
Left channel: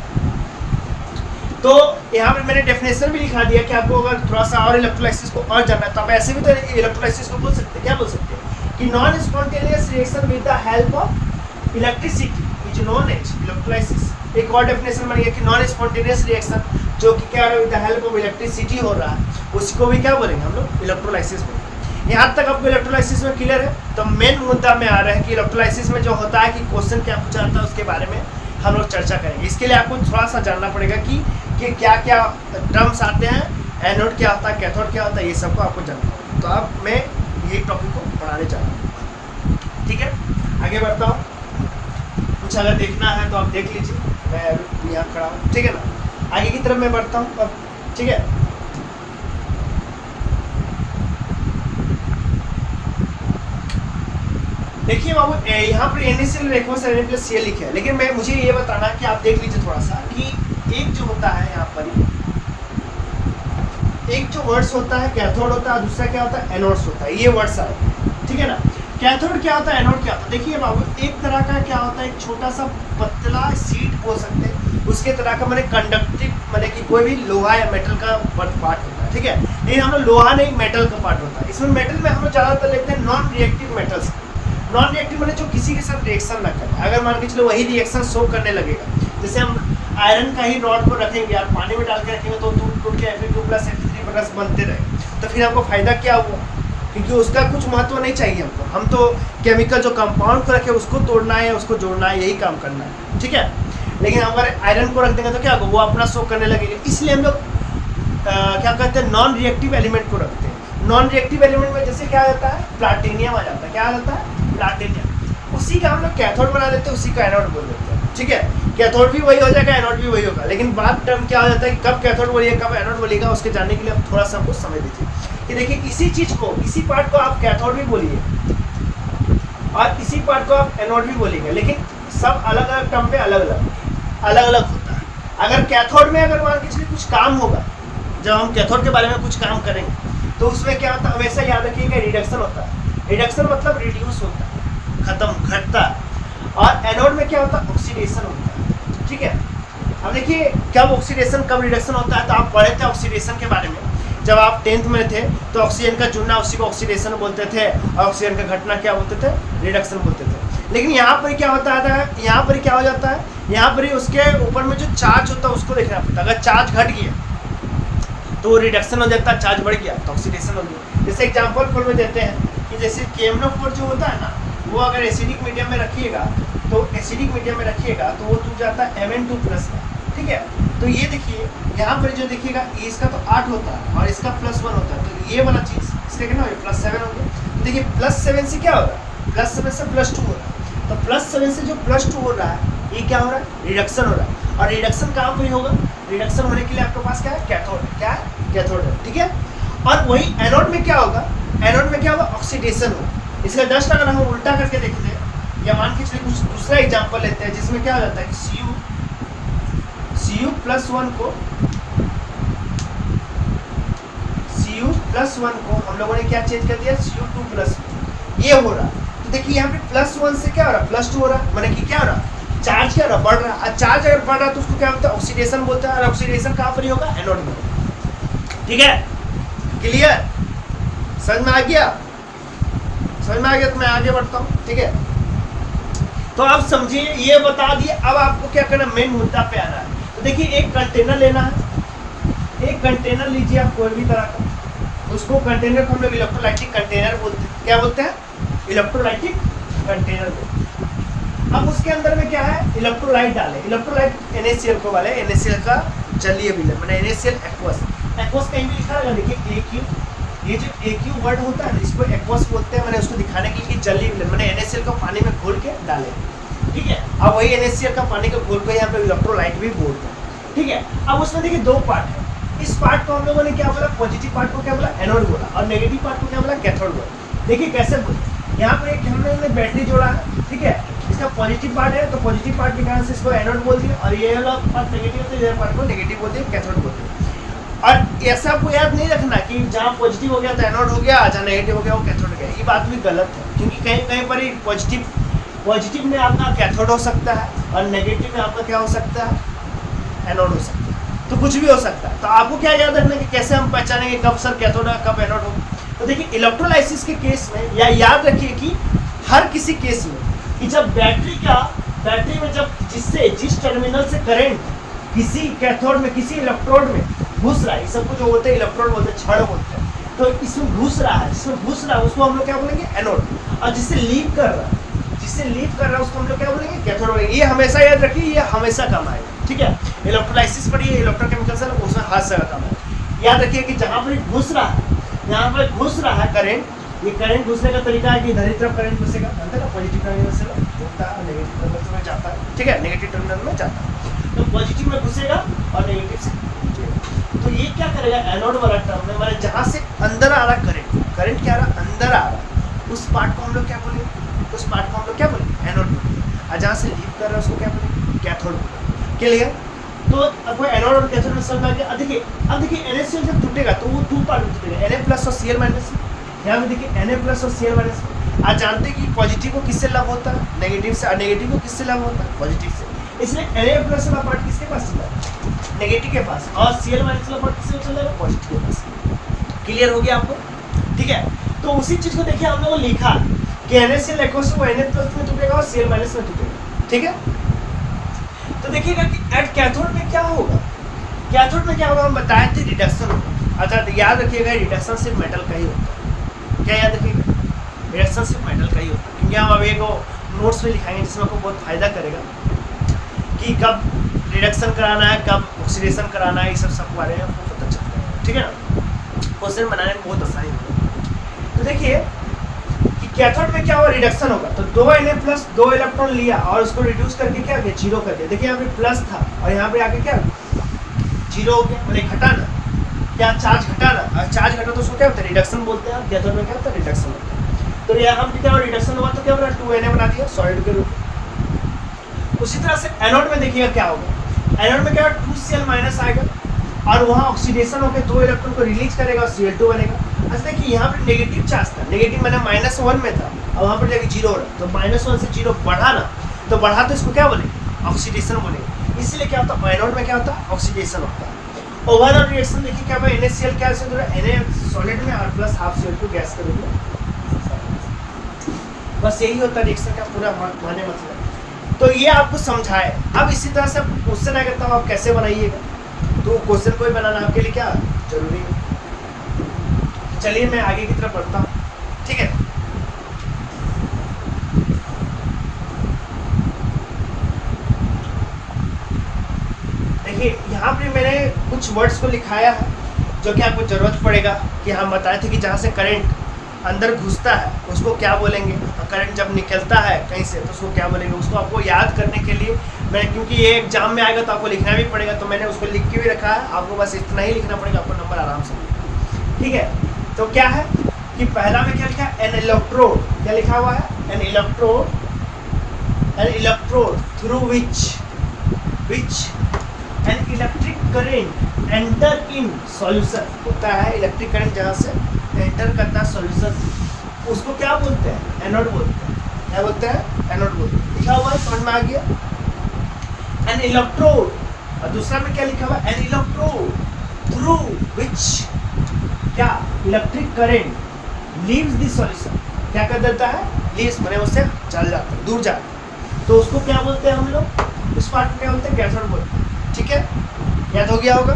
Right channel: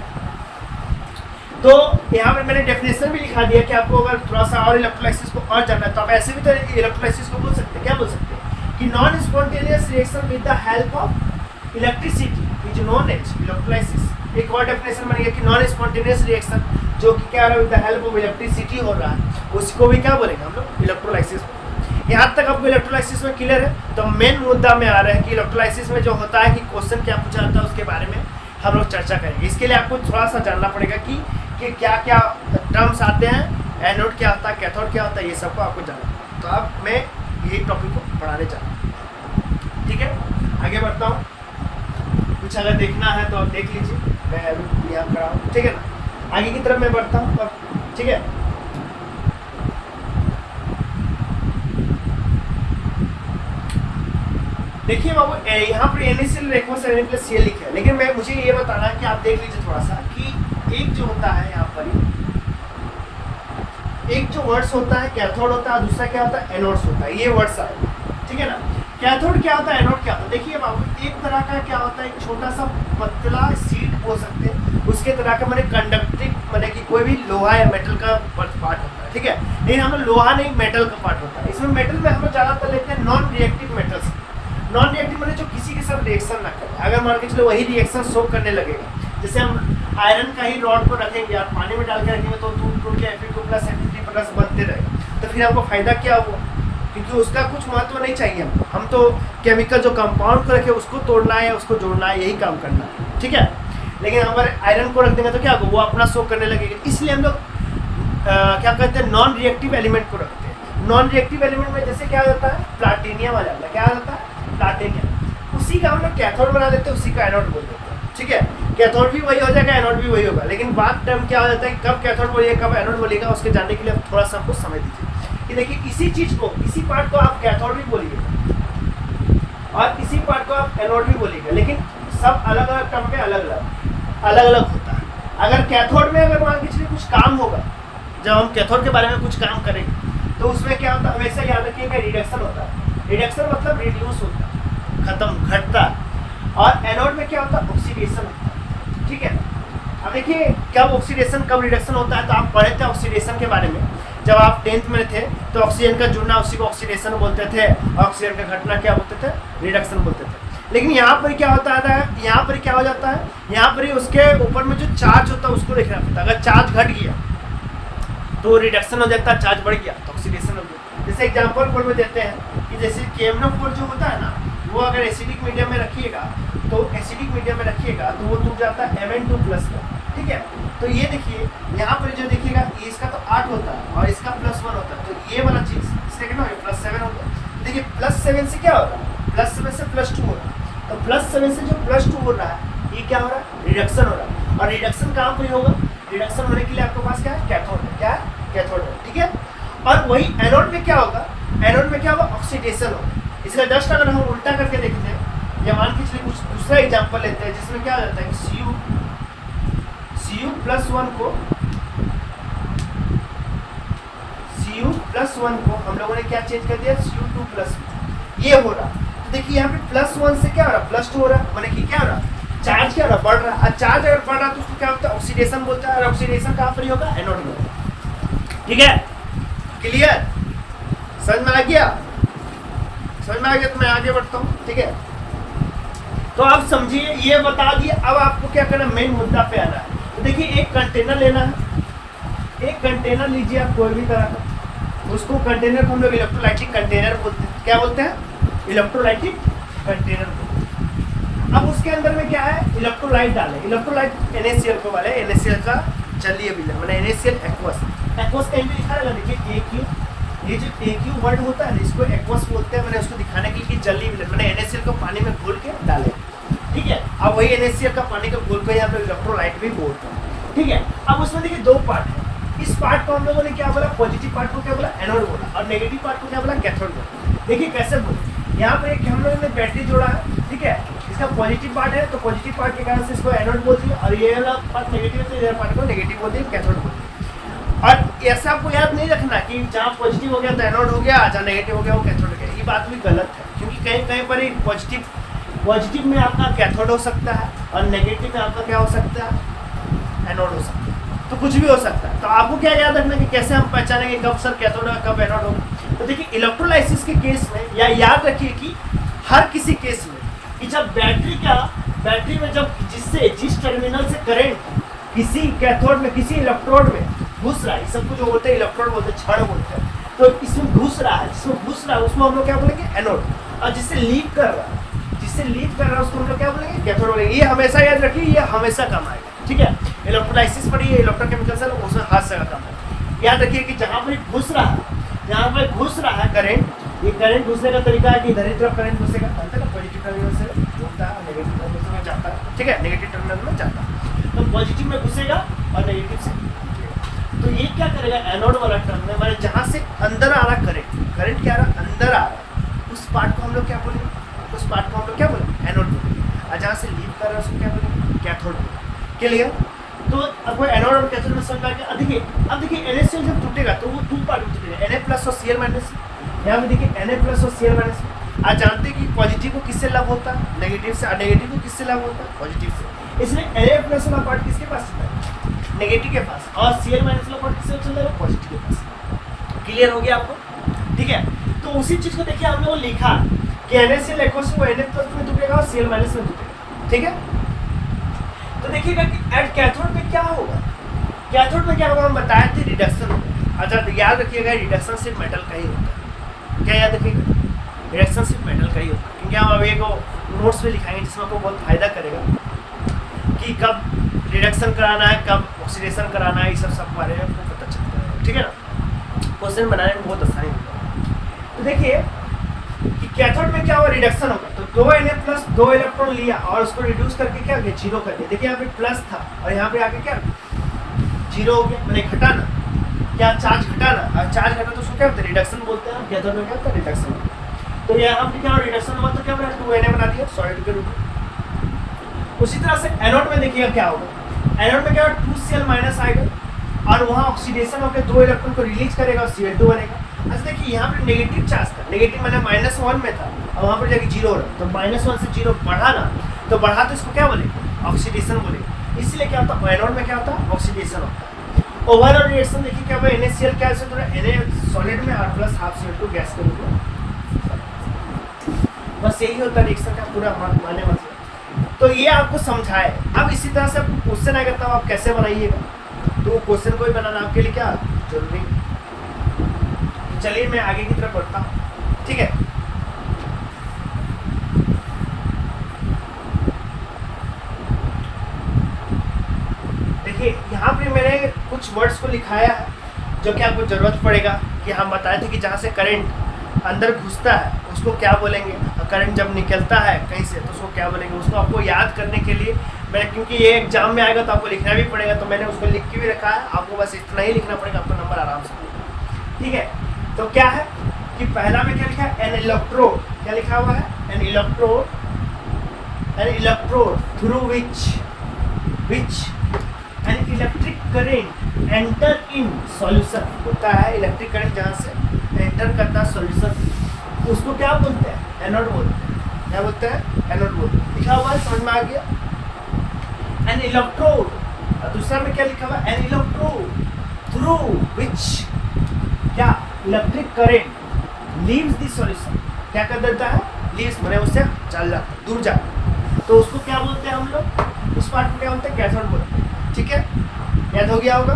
तो यहाँ पे मैंने डेफिनेशन भी लिखा दिया कि आपको अगर थोड़ा सा और इलेक्ट्रोलाइसिस को और जानना है तो आप ऐसे भी तो इलेक्ट्रोलाइसिस को बोल सकते हैं। क्या बोल सकते हैं कि non spontaneous reaction with the help of electricity is known as electrolysis. एक और डेफिनेशन बन गया कि नॉन स्पॉन्टेनियस रिएक्शन जो कि क्या है with the help of electricity हो रहा है, उसको भी क्या बोलेंगे हम लोग, इलेक्ट्रोलाइसिस बोलेंगे। यहाँ तक आपको इलेक्ट्रोलाइसिस में क्लियर है। तो मेन मुद्दा में आ रहा है कि इलेक्ट्रोलाइसिस में जो होता है कि क्वेश्चन क्या पूछा जाता है उसके बारे में हम लोग चर्चा करेंगे। इसके लिए आपको थोड़ा सा जानना पड़ेगा कि क्या क्या टर्म्स आते हैं, एनोड क्या होता है, कैथोड क्या होता है, ये सबको आपको जानना है। तो अब मैं यही टॉपिक को पढ़ाने जा रहा हूँ, ठीक है। आगे बढ़ता हूँ। कुछ अगर देखना है तो आप देख लीजिए, मैं अभी यहाँ खड़ा हूँ, ठीक है ना। आगे की तरफ मैं बढ़ता हूँ अब, ठीक है। देखिए बाबू, यहाँ पर NaCl रेखों से Na+Cl लिखा है, लेकिन मैं मुझे ये बताना कि आप देख लीजिए थोड़ा सा कि एक जो होता है यहाँ पर, एक जो वर्ड्स होता है कैथोड होता है, दूसरा क्या होता है एनोड्स होता है। ये वर्ड्स आए, ठीक है ना। कैथोड क्या होता है, एनोड क्या होता है। देखिए बाबू, एक तरह का क्या होता है, एक छोटा सा पतला शीट बोल सकते हैं, उसके तरह का मैंने कंडक्टिव, मैंने कि कोई भी लोहा या मेटल का पार्ट होता है, ठीक है। लेकिन हम लोग लोहा नहीं, मेटल का पार्ट होता है। इसमें मेटल में हम लोग ज़्यादातर लेते हैं non reactive metals. Non reactive मतलब जो किसी के साथ रिएक्शन ना करे, अगर मान के चलो वही रिएक्शन शो करने लगेगा। जैसे हम आयरन का ही रॉड को रखेंगे, आप पानी में डाल के रखेंगे तो टूट के Fe2+ Fe3+ बनते रहे, तो फिर आपको फायदा क्या हुआ, क्योंकि उसका कुछ महत्व नहीं चाहिए हमको। हम तो केमिकल जो कंपाउंड को रखे उसको तोड़ना है या उसको जोड़ना है, यही काम करना है, ठीक है। लेकिन हमारे आयरन को रख देंगे तो क्या होगा, वो अपना शो करने लगेगा। इसलिए हम लोग क्या कहते हैं, नॉन रिएक्टिव एलिमेंट को रखते हैं। नॉन रिएक्टिव एलिमेंट में जैसे क्या आ जाता है, प्लाटिनियम आ जाता है। क्या आ जाता है, प्लाटिनियम। उसी का हम लोग कैथोड बना देते हैं, उसी का एनोड बोल देते हैं, ठीक है। कैथोड भी वही हो जाएगा, एनोड भी वही होगा। लेकिन बात टर्म क्या हो जाता है, कब कैथोड बोलिएगा कब एनोड बोलिएगा, उसके जानने के लिए आप थोड़ा सा हमको समय दीजिए। कि देखिए, इसी चीज़ को, इसी पार्ट को आप कैथोड भी बोलिए और इसी पार्ट को आप एनोड भी बोलिएगा, लेकिन सब अलग अलग टर्म पे अलग अलग होता है। अगर कैथोड में अगर मान के चलिए कुछ काम होगा, जब हम कैथोड के बारे में कुछ काम करेंगे तो उसमें क्या होता है, हमेशा याद रखिएगा, रिडक्शन होता है। रिडक्शन मतलब रिड्यूस होता है, खत्म, घटता। और एनोड में क्या होता है, ऑक्सीडेशन होता है, ठीक है। अब देखिए, कब ऑक्सीडेशन कब रिडक्शन होता है, तो आप पढ़े थे ऑक्सीडेशन के बारे में जब आप 10th में थे, तो ऑक्सीजन का जुड़ना उसी को ऑक्सीडेशन बोलते थे, और ऑक्सीजन का घटना क्या बोलते थे, रिडक्शन बोलते थे। लेकिन यहाँ पर क्या होता है, यहाँ पर क्या हो जाता है, यहाँ पर ही उसके ऊपर में जो चार्ज होता है उसको देखना पड़ता है। अगर चार्ज घट गया तो रिडक्शन हो जाता है, चार्ज बढ़ गया तो ऑक्सीडेशन हो गया। जैसे एग्जाम्पल फॉर में देते हैं कि जैसे KMnO4 जो होता है ना, वो अगर एसिडिक मीडियम में रखिएगा तो एसिडिक मीडियम में रखिएगा तो वो टूट जाता है Mn2+ का, ठीक है। तो ये देखिए, यहाँ पर जो देखिएगा, ये इसका तो 8 होता है और इसका +1 होता है, तो ये वाला चीज़ इसका कितना हो गया, +7 हो गया। तो देखिए, +7 से क्या हो रहा है, +7 से +2 हो रहा है। तो +7 से जो +2 हो रहा है, ये क्या हो रहा है, रिडक्शन हो रहा है। और रिडक्शन कहाँ पर होगा, रिडक्शन होने के लिए आपके पास क्या है, कैथोड है। क्या है, कैथोड है, ठीक है। और वही एनोड में क्या होगा, एनोड में क्या होगा, ऑक्सीडेशन होगा। इसलिए जस्ट अगर हम उल्टा करके देखते हैं, या मान के चलिए कुछ दूसरा एग्जांपल लेते हैं, जिसमें क्या हो जाता है कि Cu+1 को हम लोगों ने क्या चेंज कर दिया, Cu2+, ये हो रहा। तो देखिए, यहाँ पे +1 से क्या हो रहा, +2 हो रहा, मैंने कि क्या हो रहा, चार्ज क्या हो रहा, बढ़ रहा। और चार्ज अगर बढ़ रहा तो उसको क्या होता है, ऑक्सीडेशन बोलता है। और ऑक्सीडेशन कहाँ पर ही होगा, एनोड में, ठीक है। क्लियर, समझ में आ गया, समझ में आ गया। तो मैं आगे बढ़ता हूँ, ठीक है। तो आप समझिए, ये बता दिए। अब आपको क्या करना, मेन मुद्दा पे आ रहा है। तो देखिए, एक कंटेनर लेना है, एक कंटेनर लीजिए आप कोई भी तरह का। उसको कंटेनर को हम लोग इलेक्ट्रोलाइटिक कंटेनर बोलते हैं। क्या बोलते हैं, इलेक्ट्रोलाइटिक कंटेनर बोलते हैं। अब उसके अंदर में क्या है, इलेक्ट्रोलाइट डाले। इलेक्ट्रोलाइट NaCl को वाले, NaCl का जलीय विलयन, मैंने NaCl एक्वस कहीं भी लिखा रहेगा। देखिए, AQ, ये जो AQ वर्ड होता है इसको एक्वस बोलते हैं। मैंने उसको दिखाने के लिए जलीय विलयन, मैंने NaCl को पानी में घोल के डाले, ठीक है। अब वही NaCl का पानी का घोल को यहाँ पे इलेक्ट्रोलाइट भी बोलते हैं, ठीक है। अब उसमें देखिए 2 पार्ट है। इस पार्ट को हम लोगों ने क्या बोला, पॉजिटिव पार्ट को क्या बोला, एनोड बोला, और नेगेटिव पार्ट को क्या बोला, कैथोड बोला। देखिए कैसे बोले, यहाँ पर एक हम लोगों ने बैटरी जोड़ा है, ठीक है। इसका पॉजिटिव पार्ट है, तो पॉजिटिव पार्ट के कारण से इसको एनोड बोलती है, और ये वाला पार्ट नेगेटिव है तो ये पार्ट को नेगेटिव बोलते हैं, कैथोड बोलते हैं। और ऐसा आपको याद नहीं रखना कि जहाँ पॉजिटिव हो गया तो एनोड हो गया, जहाँ नेगेटिव हो गया वो कैथोड हो गया। ये बात भी गलत है, क्योंकि कहीं कहीं पर ही पॉजिटिव में आपका कैथोड हो सकता है और नेगेटिव में आपका क्या हो सकता है, एनोड हो सकता है। तो कुछ भी हो सकता है। तो आपको क्या याद रखना कि कैसे हम पहचानेंगे कब सर कैथोड है कब एनोड हो। तो देखिए, इलेक्ट्रोलाइसिस के केस में या याद रखिए कि हर किसी केस में कि जब बैटरी में जब जिस टर्मिनल से करंट किसी कैथोड में, किसी इलेक्ट्रोड में घुस रहा है, सबको जो बोलते हैं इलेक्ट्रोड बोलते हैं, क्षण बोलते हैं, तो इसमें घुस रहा है, जिसमें घुस रहा है उसको हम लोग क्या बोलेंगे, एनोड। और जिससे लीव कर रहा है उसको हम लोग क्या बोलेंगे, कैथोड बोलेंगे। ये हमेशा याद रखिए, ये हमेशा काम आएगा, ठीक है। इलेक्ट्रोलाइसिस पढ़िए, इलेक्ट्रोकेमिकल से उसमें हर जगह काम आएगा। याद रखिए कि जहाँ पर घुस रहा है करंट, ये करंट घुसने का तरीका है कि इधर ही तरफ करंट घुसेगा, अंतर पॉजिटिव करंट घुसेगा, घूमता है और नेगेटिव टर्मिनल में जाता है, ठीक है, नेगेटिव टर्मिनल में जाता है। तो पॉजिटिव में घुसेगा और नेगेटिव से निकलेगा। तो ये क्या करेगा, एनोड वाला टर्मिनल माने जहाँ से अंदर आ रहा करंट क्या आ रहा, अंदर आ रहा, उस पार्ट को हम लोग क्या बोलेंगे, उस पार्ट को हम लोग क्या बोलेंगे, एनोड बोलेंगे। और जहाँ से लीव कर रहा है उसको क्या बोलेंगे, कैथोड बोलेंगे। क्लियर? तो आपको एनोड और कैथोड में समझ आ गया। अब देखिए NaCl जब टूटेगा तो वो 2 पार्ट में टूटेगा, Na+ और Cl-। यहाँ पे देखिए Na+ और Cl-। आज जानते हैं कि पॉजिटिव को किससे लव होता है, नेगेटिव से, और नेगेटिव को किससे लव होता है, पॉजिटिव से। इसलिए Na+ वाला पार्ट किसके पास चला है, नेगेटिव के पास, और Cl- वाला पार्ट किससे चल रहा है, पॉजिटिव के पास। क्लियर हो गया आपको? ठीक है, तो उसी चीज को देखिए हमने वो लिखा कि NaCl एक्वस वो Na+ में टूटेगा और Cl- में टूटेगा। ठीक है, तो देखिएगा कि एट कैथोड में क्या होगा, कैथोड में क्या होगा, हम बताए थे रिडक्शन होगा। अच्छा याद रखिएगा, रिडक्शन सिर्फ मेटल का ही होता है। क्या याद रखिएगा, रिडक्शन सिर्फ मेटल का ही होता है, क्योंकि हम अब एक नोट्स में लिखाएंगे जिसमें आपको बहुत फायदा करेगा कि कब रिडक्शन कराना है, कब ऑक्सीडेशन कराना है, ये सब बारे में आपको पता चलता है। ठीक है ना, क्वेश्चन बनाने में बहुत आसानी होगा। तो देखिए कि कैथोड में क्या होगा, रिडक्शन होगा। तो 2 Na+ 2 इलेक्ट्रॉन लिया और उसको रिड्यूस करके क्या किया, 0 कर दिया। देखिए यहाँ पे प्लस था और यहाँ पे आके क्या 0 हो गया, मैंने घटाना, क्या चार्ज घटाना, और चार्ज घटा तो उसको क्या होता है, रिडक्शन बोलते हैं। कैथोड में क्या होता है, रिडक्शन। तो यहाँ पे क्या रिडक्शन हुआ तो क्या बना, 2Na बना दिया सॉलिड के रूप में। उसी तरह से एनोड में देखिएगा क्या होगा, एनोड में क्या 2Cl- आएगा और वहाँ ऑक्सीडेशन होकर 2 इलेक्ट्रॉन को रिलीज करेगा और Cl2 बनेगा। अच्छा देखिए यहाँ पे नेगेटिव चार्ज था, नेगेटिव मतलब -1 में था और वहाँ पर जाके 0 रहा, तो -1 से 0 बढ़ा ना, तो बढ़ा तो इसको क्या बोलेंगे, ऑक्सीडेशन बोलेंगे। इसलिए क्या होता है, एनोड में क्या होता है, ऑक्सीडेशन होता है। ओवरऑल रिएक्शन देखिए क्या होगा, NaCl क्या से जुड़ा, Na सॉलिड में और प्लस हाफ Cl2 गैस के रूप में। बस यही होता है रिएक्शन का पूरा माने मतलब। तो ये आपको समझाए। अब इसी तरह से क्वेश्चन आएगा तब आप कैसे बनाइएगा, तो क्वेश्चन को ही बनाना आपके लिए क्या जरूरी है। चलिए मैं आगे की तरफ बढ़ता हूँ। ठीक है, देखिए यहाँ पे मैंने कुछ वर्ड्स को लिखाया है जो कि आपको जरूरत पड़ेगा कि हम बताए थे कि जहाँ से करंट अंदर घुसता है उसको क्या बोलेंगे, और करंट जब निकलता है कहीं से तो उसको क्या बोलेंगे। उसको आपको याद करने के लिए मैंने, क्योंकि ये एग्जाम में आएगा तो आपको लिखना भी पड़ेगा, तो मैंने उसको लिख के भी रखा है। आपको बस इतना ही लिखना पड़ेगा, आपको नंबर आराम से मिलेगा। ठीक है, तो क्या है कि पहला में क्या लिखा है, एन इलेक्ट्रोड, क्या लिखा हुआ है, N electrode through which an electric current enter in solution होता है। इलेक्ट्रिक करंट जहाँ से एंटर करता है सॉल्यूशन, उसको क्या बोलते हैं, एनोड बोलते हैं। क्या बोलते हैं, एनोड बोलते हैं। लिखा हुआ है, समझ में आ गया। एन इलेक्ट्रोड, और दूसरा में क्या लिखा हुआ है, एन इलेक्ट्रोड थ्रू विच क्या electric current leaves the solution, क्या कर देता है, लीव्स मैंने उससे चल जाता है, दूर जाता है, तो उसको क्या बोलते हैं हम लोग, उस पार्ट को क्या बोलते हैं, कैथोड बोलते हैं। ठीक है, याद हो गया होगा,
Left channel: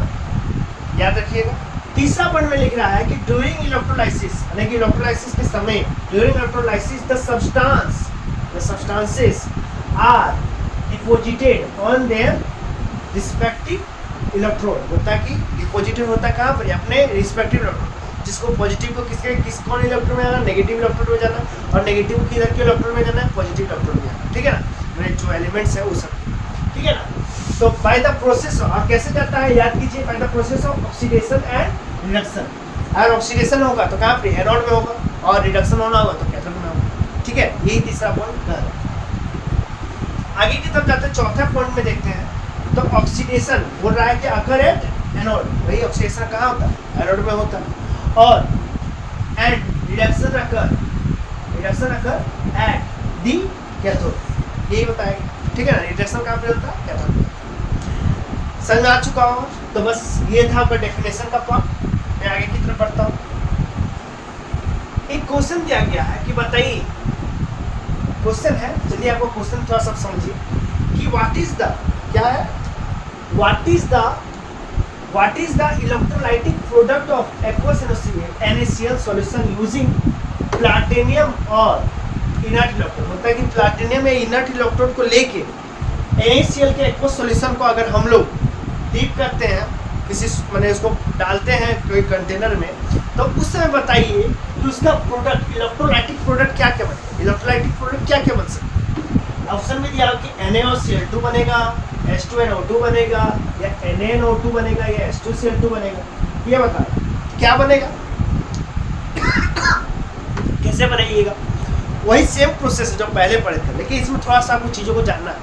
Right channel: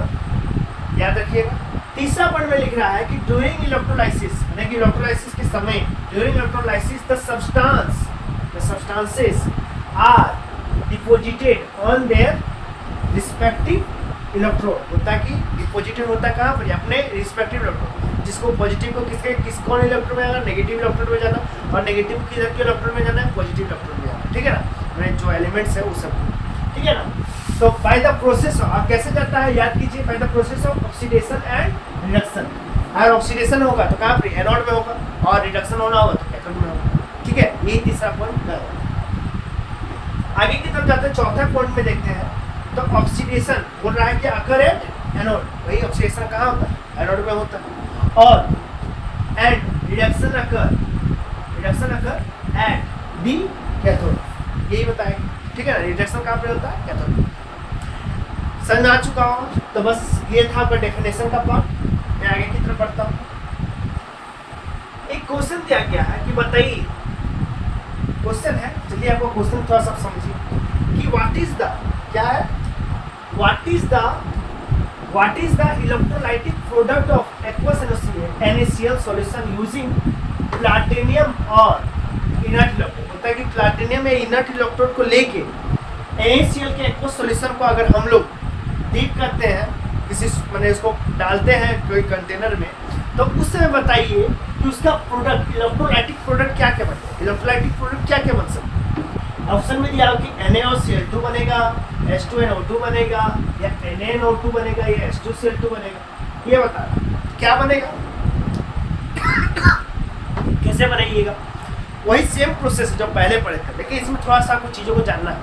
याद रखिएगा। तीसरा पॉइंट में लिख रहा है कि ड्यूरिंग इलेक्ट्रोलाइसिस, यानी कि इलेक्ट्रोलाइसिस के समय, during electrolysis the substances are deposited on their respective electrode. होता है कि डिपॉजिटेड होता है कहाँ पर, अपने रिस्पेक्टिव इलेक्ट्रोड, जिसको पॉजिटिव को किस कौन इलेक्ट्रोड में जाना, नेगेटिव इलेक्ट्रोड में जाना, और नेगेटिव को किधर के इलेक्ट्रोड में जाना है, पॉजिटिव इलेक्ट्रोड में जाना। ठीक है ना, जो एलिमेंट्स है वो सब। ठीक है ना, तो बाय द प्रोसेस ऑफ, आप कैसे जाता है याद कीजिए, by the process of oxidation and reduction. अगर ऑक्सीडेशन होगा तो कहाँ पर, एनोड में होगा, और रिडक्शन होना होगा तो कैथोड में होगा। ठीक है, यही तीसरा पॉइंट है। आगे की तरफ जाते हैं, चौथा पॉइंट में देखते हैं। तो ऑक्सीडेशन बोल रहा है कि अकर एट एनोड, वही ऑक्सीडेशन कहाँ होता है, एनोड में होता है, और and reduction occur at the cathode, यही बताएगा। ठीक है ना, रिडक्शन कहाँ पे होता है, कैथोड में। समझ में आ चुका होगा, तो बस ये था आपका डेफिनेशन का पार्ट। मैं आगे की तरफ बढ़ता हूँ। एक क्वेश्चन दिया गया है कि बताइए, क्वेश्चन है, चलिए आपको क्वेश्चन थोड़ा सा समझिए कि व्हाट इज द, क्या है, what is the electrolytic product of aqueous NaCl solution using platinum और इनर्ट इलेक्ट्रोड। बोलता है कि प्लैटिनम या इनर्ट इलेक्ट्रोड को लेके NaCl के एक्वस सॉल्यूशन को अगर हम लोग डीप करते हैं, किसी मैंने उसको डालते हैं कोई कंटेनर में, तो उस समय बताइए कि उसका प्रोडक्ट, इलेक्ट्रोलाइटिक प्रोडक्ट क्या क्या बनता है, इलेक्ट्रोलाइटिक प्रोडक्ट क्या क्या बन सकते हैं। ऑप्शन में दिया कि NaOCl2 बनेगा, H2NO2 बनेगा, या NaNO2 बनेगा, या H2Cl2 बनेगा। ये बता क्या बनेगा, कैसे बनाइएगा। वही सेम प्रोसेस जो पहले पढ़े थे, लेकिन इसमें थोड़ा सा आपको चीज़ों को जानना है।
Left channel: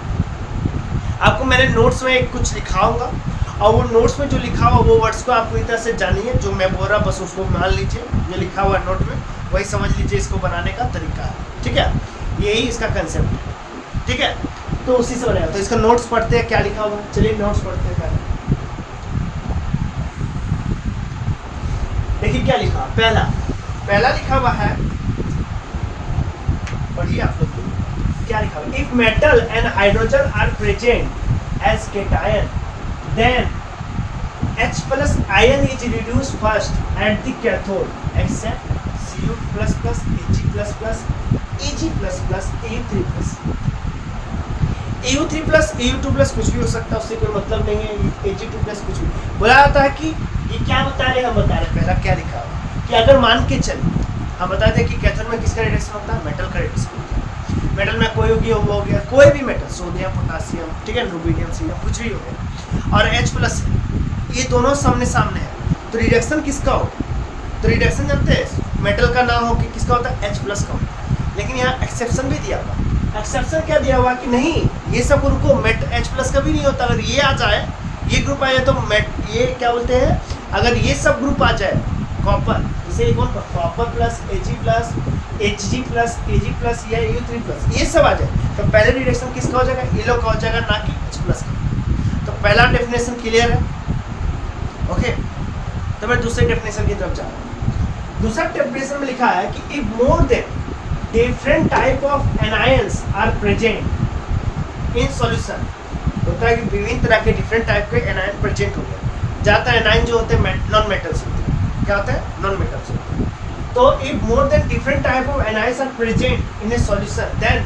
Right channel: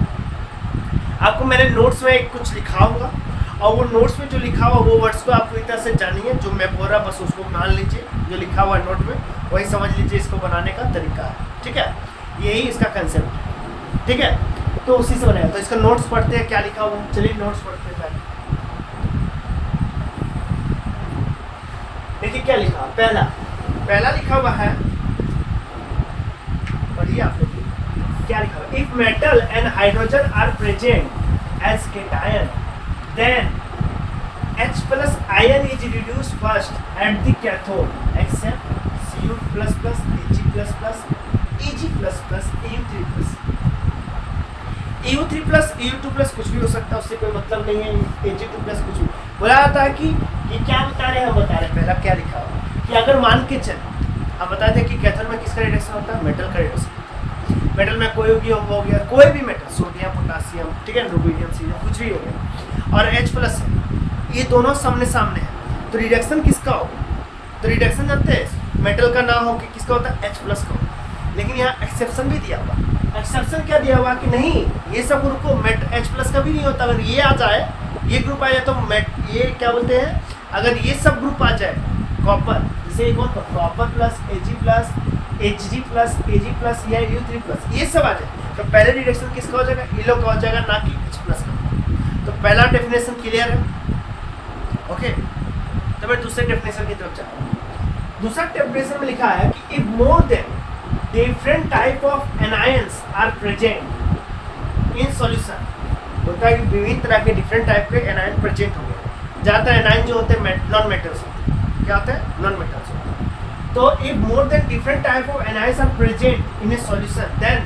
आपको मैंने नोट्स में कुछ लिखाऊंगा, और वो नोट्स में जो लिखा हुआ वो वर्ड्स को आप पूरी तरह से जानिए। जो मैं बोल रहा बस उसको मान लीजिए, जो लिखा हुआ नोट में वही समझ लीजिए, इसको बनाने का तरीका है। ठीक है, यही इसका कंसेप्ट है। ठीक है, तो उसी से बनेगा। तो इसका नोट्स पढ़ते हैं, क्या लिखा हुआ। चलिए नोट्स पढ़ते हैं। देखिए क्या लिखा, पहला लिखा हुआ है, पढ़िए आप लोग क्या लिखा हुआ। If metal and hydrogen are present as cation, then H plus ion is reduced first at the cathode except Cu plus plus, Ag plus plus, Eg plus plus, Eu3 plus। EU3 plus, EU2 plus कुछ भी हो सकता है, उससे कोई मतलब नहीं है। Ag2 plus कुछ भी बोला जाता है। कि ये क्या बता रहे हैं, हम बता रहे हैं। पहला क्या लिखा है कि अगर मान के चल, हम बताते हैं कि कैथोड में किसका रिडक्शन होता है, मेटल का रिडक्शन होता है। मेटल में कोई हो गया कोई भी मेटल, सोडियम, पोटासियम, ठीक है, रुबीडियम, सीरियम, कुछ भी हो गया, और H प्लस, ये दोनों सामने सामने है। तो रिडक्शन किसका होगा, तो रिडक्शन जानते हैं मेटल का ना हो कि किसका होता है, H प्लस का होता। लेकिन यहाँ एक्सेप्शन भी दिया हुआ। एक्सेप्शन क्या दिया हुआ कि नहीं, ये सब ग्रुप को H प्लस का भी नहीं होता। अगर ये आ जाए, ये ग्रुप आ जाए, तो ये क्या बोलते हैं, अगर ये सब ग्रुप आ जाए, कॉपर, जैसे एक और copper plus, Ag plus, Hg plus, Ag plus, या U3 प्लस, ये सब आ जाए, तो पहले रिडक्शन किसका हो जाएगा, ये लोग का हो जाएगा, ना कि H प्लस का। तो पहला डेफिनेशन क्लियर है। ओके, तो मैं दूसरे डेफिनेशन की तरफ जा रहा हूँ। दूसरा डेफिनेशन में लिखा है कि if more than different type of anions are present in solution, होता है कि विभिन्न तरह के डिफरेंट टाइप के एनायन प्रेजेंट हो गए। ज़्यादातर एनायन जो होते हैं नॉन मेटल्स होते हैं। क्या होते हैं, नॉन मेटल्स होते हैं। तो if more than different type of anions are present in a solution, then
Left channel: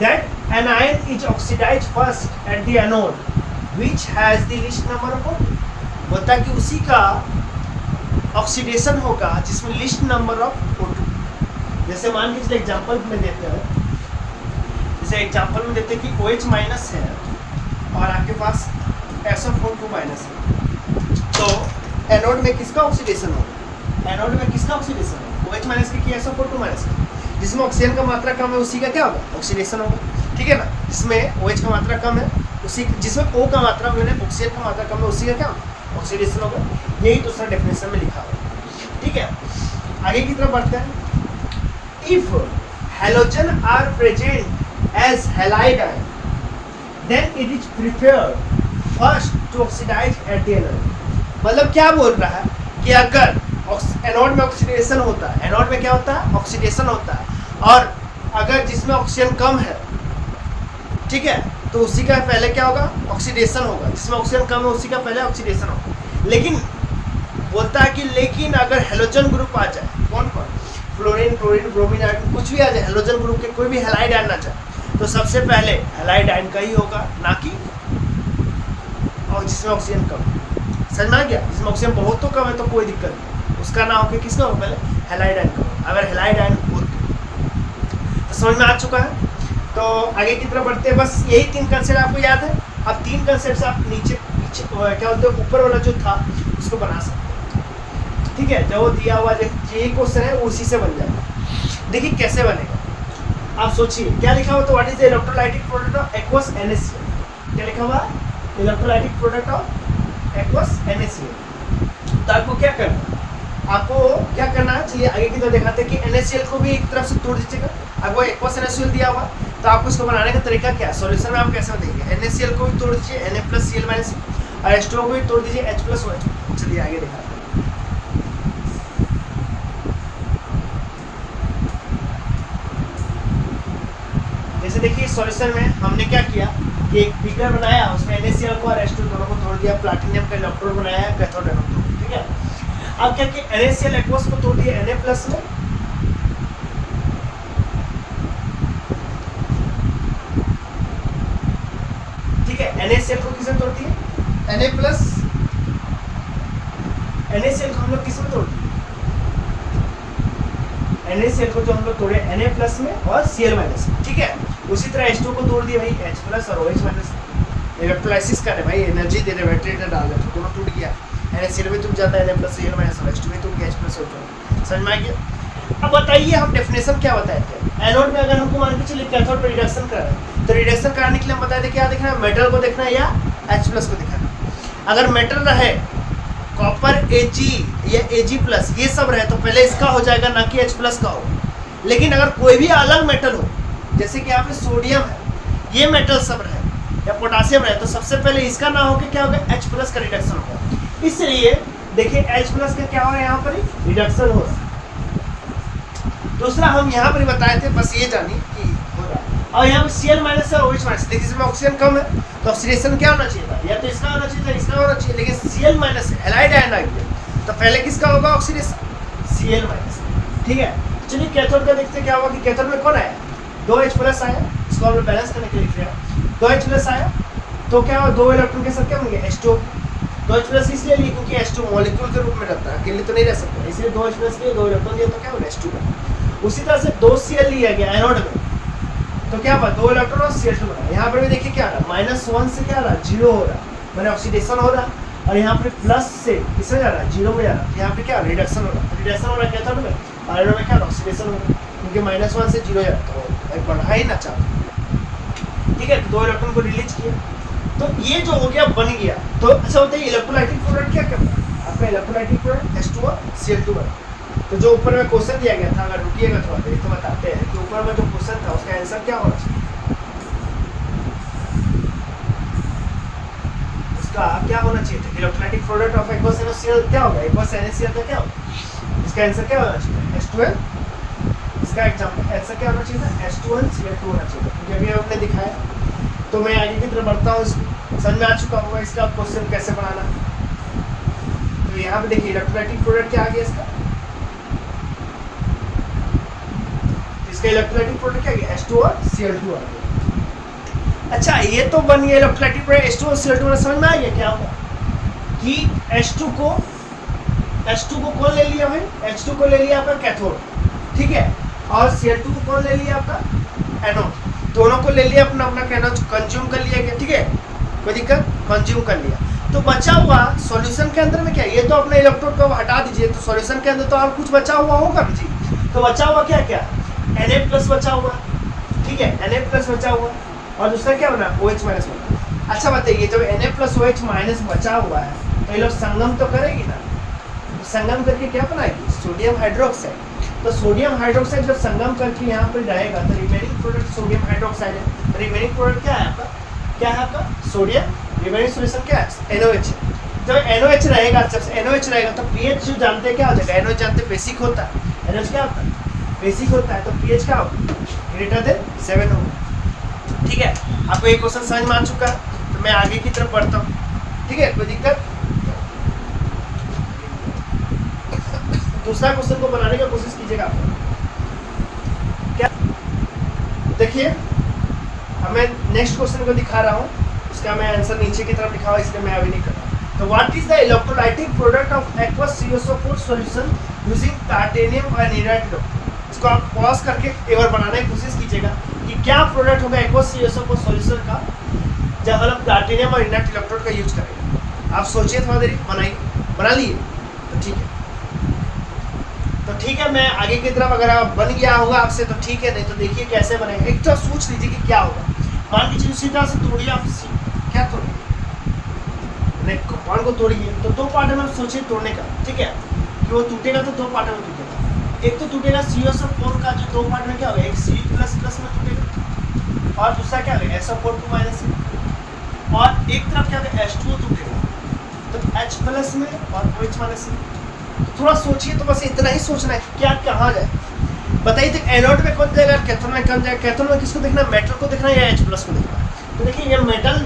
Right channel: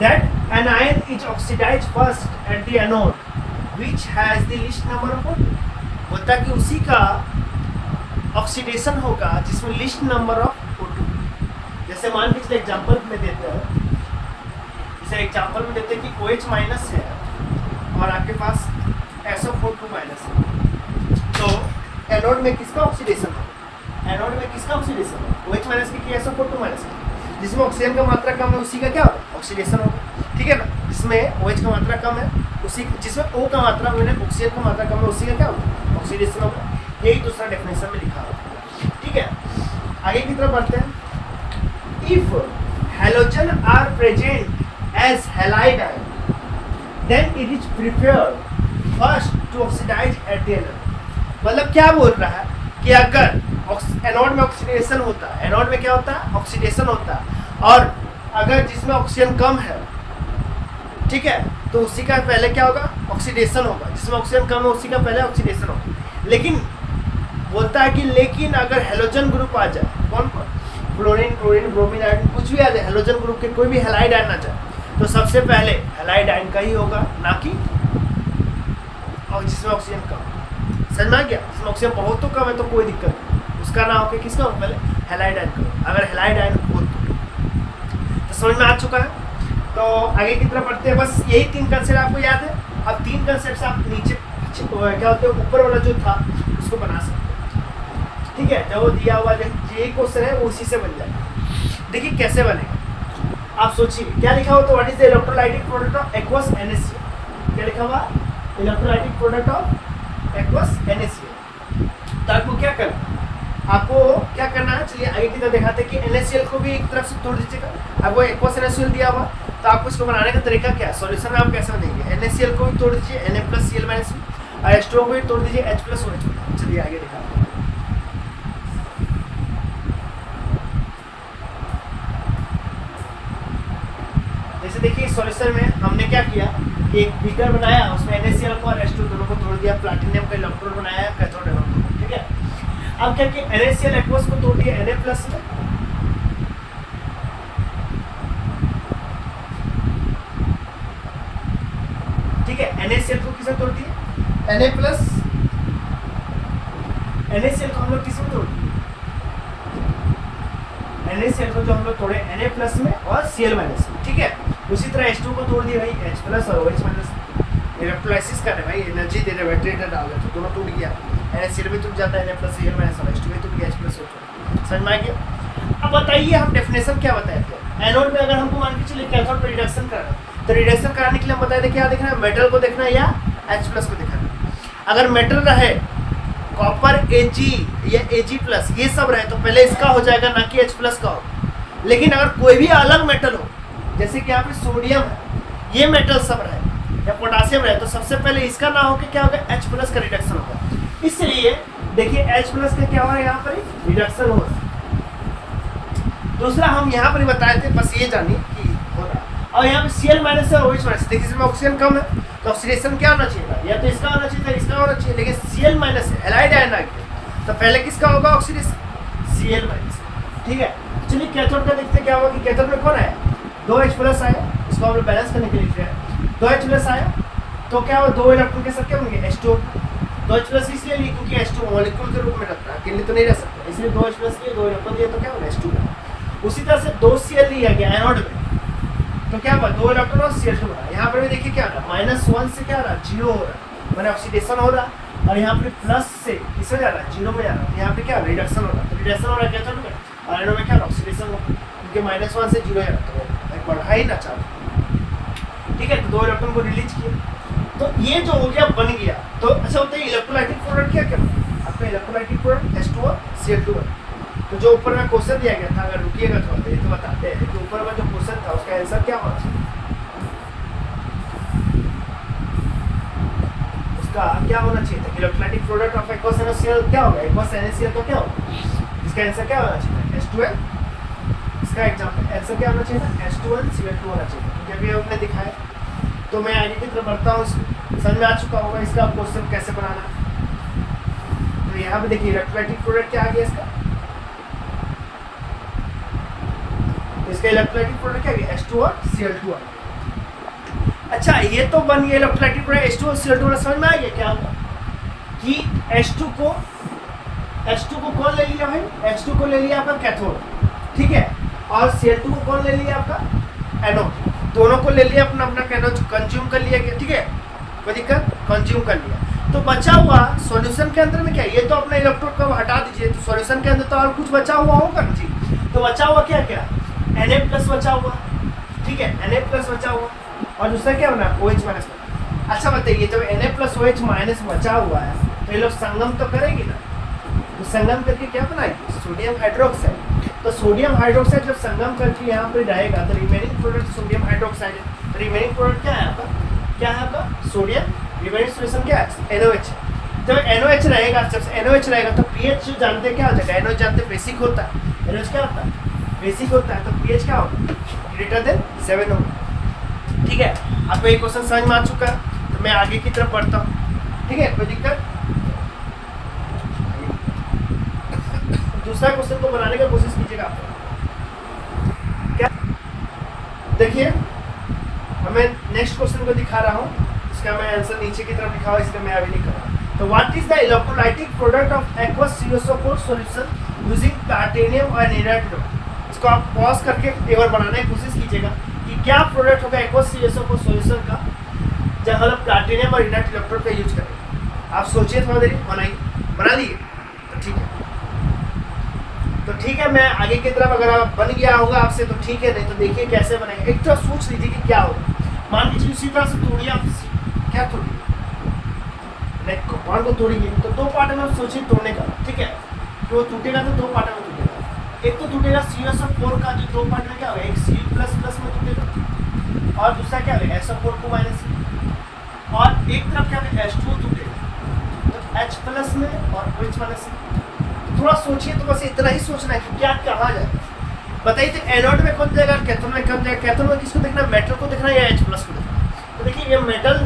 that anion is oxidized first at the anode, which has the least number of protons। होता है कि उसी का ऑक्सीडेशन होगा जिसमें लिस्ट नंबर ऑफ O2। जैसे मान के चलिए एग्जांपल में देते हैं, जैसे एग्जांपल में देते हैं कि OH माइनस है और आपके पास SO4 माइनस है, तो एनोड में किसका ऑक्सीडेशन होगा, एनोड में किसका ऑक्सीडेशन होगा, OH माइनस की SO4 माइनस की। जिसमें ऑक्सीजन का मात्रा कम है उसी का क्या होगा, ऑक्सीडेशन होगा। ठीक है ना, जिसमें OH का मात्रा कम है उसी, जिसमें O का मात्रा मैंने ऑक्सीजन का मात्रा कम है उसी का क्या होगा, ऑक्सीडेशन होगा। यही दूसरा डेफिनेशन में लिखा हुआ। ठीक है, आगे की तरफ बढ़ते हैं। If halogen are present as halide ion, then it is preferred first to oxidise at the anode. मतलब क्या बोल रहा है कि अगर एनोड में ऑक्सीडेशन होता है, एनोड में क्या होता है, ऑक्सीडेशन होता है, और अगर जिसमें ऑक्सीजन कम है, ठीक है, तो उसी का पहले क्या होगा, ऑक्सीडेशन होगा। जिसमें ऑक्सीजन कम है उसी का पहले ऑक्सीडेशन होगा। लेकिन बोलता है कि लेकिन अगर हेलोजन ग्रुप आ जाए, कौन कौन, फ्लोरीन, क्लोरीन, ब्रोमीन, आयोडीन, कुछ भी आ जाए, हेलोजन ग्रुप के कोई भी हैलाइड आयन आ जाए, तो सबसे पहले हैलाइड आयन का ही होगा, ना कि और जिसमें ऑक्सीजन कम है। समझ में आ गया, जिसमें ऑक्सीजन बहुत तो कम है तो कोई दिक्कत नहीं, उसका ना होकर किसका हो, पहले हैलाइड आयन का। अगर हैलाइड आयन हो तो समझ में आ चुका है। तो आगे की तरफ बढ़ते हैं। बस यही 3 कंसेप्ट आपको याद है। अब 3 कंसेप्ट आप नीचे पीछे क्या बोलते हैं, ऊपर वाला जो था उसको बना सकते हैं। ठीक है, जो दिया हुआ ये क्वेश्चन है वो उसी से बन जाएगा। देखिए कैसे बनेगा, आप सोचिए क्या लिखा हुआ। तो what is the electrolytic product of aqueous NaCl, क्या लिखा हुआ, electrolytic product of aqueous NaCl। तो आपको क्या करना, आपको क्या करना है, चलिए आगे की तरफ दिखाते हैं कि NaCl को भी एक तरफ से तोड़ दीजिएगा। आपको एक्वस NaCl दिया हुआ, तो आपको इसको बनाने का तरीका क्या है, सॉल्यूशन में आप कैसे बनाएंगे, NaCl को भी तोड़ दीजिए, Na प्लस Cl माइनस, और H2O को भी तोड़ दीजिए, H प्लस OH। चलिए आगे दिखाते हैं। जैसे देखिए सॉल्यूशन में हमने क्या किया कि एक बीकर बनाया, उसमें NaCl को और H2 दोनों को तोड़ दिया, प्लैटिनम का इलेक्ट्रोड बनाया, कैथोड एनोड। ठीक है, अब क्या कि NaCl एक्वस को तोड़ दिया Na प्लस में, ठीक है, NaCl को किसमें तोड़ दिया, Na प्लस, NaCl को हम लोग किसमें तोड़ दिए, NaCl को जो हम लोग तोड़े Na प्लस में और Cl माइनस में। ठीक है, उसी तरह H2 को तोड़ दिया भाई H प्लस और OH माइनस, इलेक्ट्रोलाइसिस कर रहे भाई, एनर्जी दे रहे बैटरी डाल रहे तो दोनों टूट गया, NaCl भी टूट जाता है, Na प्लस Cl माइनस और H2 भी टूट गया H प्लस O2। समझ में आ गया? अब बताइए हम डेफिनेशन क्या बताए थे, एनोड में अगर हमको मान के चलिए कैथोड पे रिडक्शन कर रहे हैं तो रिडक्शन कराने के लिए हम बताए थे क्या देखना है, मेटल को देखना है या H प्लस को देखना है। अगर मेटल रहे कॉपर Ag या Ag प्लस ये सब रहे तो पहले इसका हो जाएगा ना कि H प्लस का हो। लेकिन अगर कोई भी अलग मेटल हो जैसे कि यहाँ पे सोडियम है ये मेटल सब रहे या पोटासियम रहे तो सबसे पहले इसका ना होकर क्या होगा H प्लस का रिडक्शन होगा। इसलिए देखिए H प्लस का क्या हो रहा है यहाँ पर रिडक्शन हो रहा है। दूसरा हम यहाँ पर बताए थे बस ये जानिए कि हो रहा है। और यहाँ पे Cl माइनस और OH माइनस देखिए इसमें ऑक्सीजन कम है तो ऑक्सीडेशन क्या होना चाहिए था, या तो इसका होना चाहिए था इसका होना चाहिए, लेकिन Cl माइनस है हैलाइड आयन आ गया तो पहले किसका होगा ऑक्सीडेशन Cl माइनस। ठीक है चलिए कैथोड का देखते क्या हुआ कि कैथोड में कौन आया 2H प्लस आया, इसको हम लोग बैलेंस करने के लिए लिख रहे हैं 2H प्लस आया तो क्या हुआ 2 इलेक्ट्रॉन के साथ क्या बन गया H2। 2H प्लस इसलिए लिखा क्योंकि H2 मॉलिक्यूल के रूप में रहता है, अकेले तो नहीं रह सकता, इसलिए 2H प्लस लिए 2 इलेक्ट्रॉन दिया तो क्या होगा H2 का। उसी तरह से 2Cl लिया गया एनोड में तो क्या हुआ 2 इलेक्ट्रॉन और Cl2 बना। यहाँ पर भी देखिए क्या हो रहा है -1 से क्या हो रहा है 0 हो रहा है, मैंने ऑक्सीडेशन हो रहा है, और यहाँ पे प्लस से किसमें जा रहा है 0 में जा रहा है, यहाँ पे क्या रिडक्शन हो रहा है, रिडक्शन हो रहा है कैथोड में और एनोड में क्या ऑक्सीडेशन हो रहा है क्योंकि -1 से 0 जाता है तो एक बढ़ा ही ना चाहता। ठीक है तो 2 इलेक्ट्रॉन को रिलीज किया तो ये जो हो गया बन गया। तो अच्छा होता है इलेक्ट्रोलाइटिक प्रोडक्ट क्या क्या आपका इलेक्ट्रोलाइटिक प्रोडक्ट H2 और Cl2 तो जो ऊपर में क्वेश्चन दिया गया था अगर रुकिएगा थोड़ा ये तो बताते हैं कि ऊपर में जो क्वेश्चन था उसका आंसर क्या होना चाहिए, उसका क्या होना चाहिए था electrolytic product of aqueous NaCl क्या होगा एक्वस NaCl का क्या होगा, इसका आंसर क्या होना चाहिए H2L। इसका एग्जांपल आंसर क्या होना चाहिए था H2L Cl2 होना चाहिए क्योंकि अभी हमने दिखाया। तो मैं आगे की तरफ बढ़ता हूँ, समझ में आ चुका होगा इसका क्वेश्चन कैसे बनाना। तो यहाँ पे देखिए इलेक्ट्रोलाइटिक प्रोडक्ट क्या आ गया इसका, तो इसका इलेक्ट्रोलाइटिक प्रोडक्ट क्या गया H2 और Cl2 आ गया। अच्छा ये तो बन गया इलेक्ट्रोलाइटिक प्रोडक्ट H2 और Cl2 में, समझ में आ गया क्या होगा कि H2 को कौन ले लिया भाई H2 को ले लिया आपका कैथोड, ठीक है, और Cl2 को कौन ले लिया आपका एनोड, दोनों को ले लिया अपना अपना कैथोड कंज्यूम कर लिया गया। ठीक है कोई दिक्कत कंज्यूम कर लिया तो बचा हुआ सॉल्यूशन के अंदर में क्या ये तो अपने इलेक्ट्रोड को हटा दीजिए तो सॉल्यूशन के अंदर तो और कुछ बचा हुआ होगा जी। तो बचा हुआ क्या क्या Na प्लस बचा हुआ, ठीक है Na प्लस बचा हुआ और दूसरा क्या बना OH माइनस बना। अच्छा बताइए जब Na प्लस OH माइनस बचा हुआ है तो ये लोग संगम तो करेगी ना, तो संगम करके क्या बनाएगी सोडियम हाइड्रोक्साइड। तो सोडियम हाइड्रोक्साइड जब संगम करके यहाँ पर रहेगा तो रिमेनिंग प्रोडक्ट सोडियम हाइड्रोक्साइड है। तो रिमेनिंग प्रोडक्ट क्या है आपका, क्या है आपका सोडियम, रिमेनिंग सॉल्यूशन क्या है NOH। जब NOH रहेगा, जब NOH रहेगा तो pH जो जानते हैं क्या हो जाएगा, NOH जानते हैं बेसिक होता है, NOH क्या होता है बेसिक होता है, तो pH क्या होगा ग्रेटर देन 7 होगा। ठीक है आपको ये क्वेश्चन समझ में आ चुका है तो मैं आगे की तरफ बढ़ता हूँ। ठीक है कोई दिक्कत, दूसरा क्वेश्चन को बनाने का कोशिश कीजिएगा आप क्या। देखिए हमें नेक्स्ट क्वेश्चन को दिखा रहा हूँ, उसका मैं आंसर नीचे की तरफ लिखा हुआ इसलिए मैं अभी नहीं कर रहा। तो what is the electrolytic product of aqueous CSO4 solution using titanium और निराइड। इसको आप पॉज करके एक बार बनाने की कोशिश कीजिएगा कि क्या प्रोडक्ट होगा एक्वस CSO4 सॉल्यूशन का जब हम टाइटेनियम और इनर्ट इलेक्ट्रोड का यूज करेंगे। आप सोचिए थोड़ा देर बनाइए, बना लिए तो ठीक है। तो ठीक है मैं आगे की तरफ अगर बन गया होगा आपसे तो ठीक है, नहीं तो देखिए कैसे बनाएंगे। एक तो सोच लीजिए कि क्या होगा, मान लीजिए उसी तरह से तोड़िए आप क्या तोड़िए कॉर्न को तोड़िए तो दो पार्ट में सोचिए तोड़ने का, ठीक है कि वो टूटेगा तो दो पार्ट में टूटेगा। एक तो टूटेगा CSO4 का जो दो पार्ट में क्या होगा एक C++ में टूटेगा और दूसरा क्या होगा SO4 को माइनस में, और एक तरफ क्या होगा H2O टूटेगा तो H+ में और OH माइनस में। थोड़ा सोचिए तो बस इतना ही सोचना है कि क्या कहाँ जाए। बताइए तो एनोड में कौन जाएगा, कैथोड में कौन जाएगा। कैथोड में किसको देखना है, मेटल को देखना है या H+ को देखना है। तो देखिए ये मेटल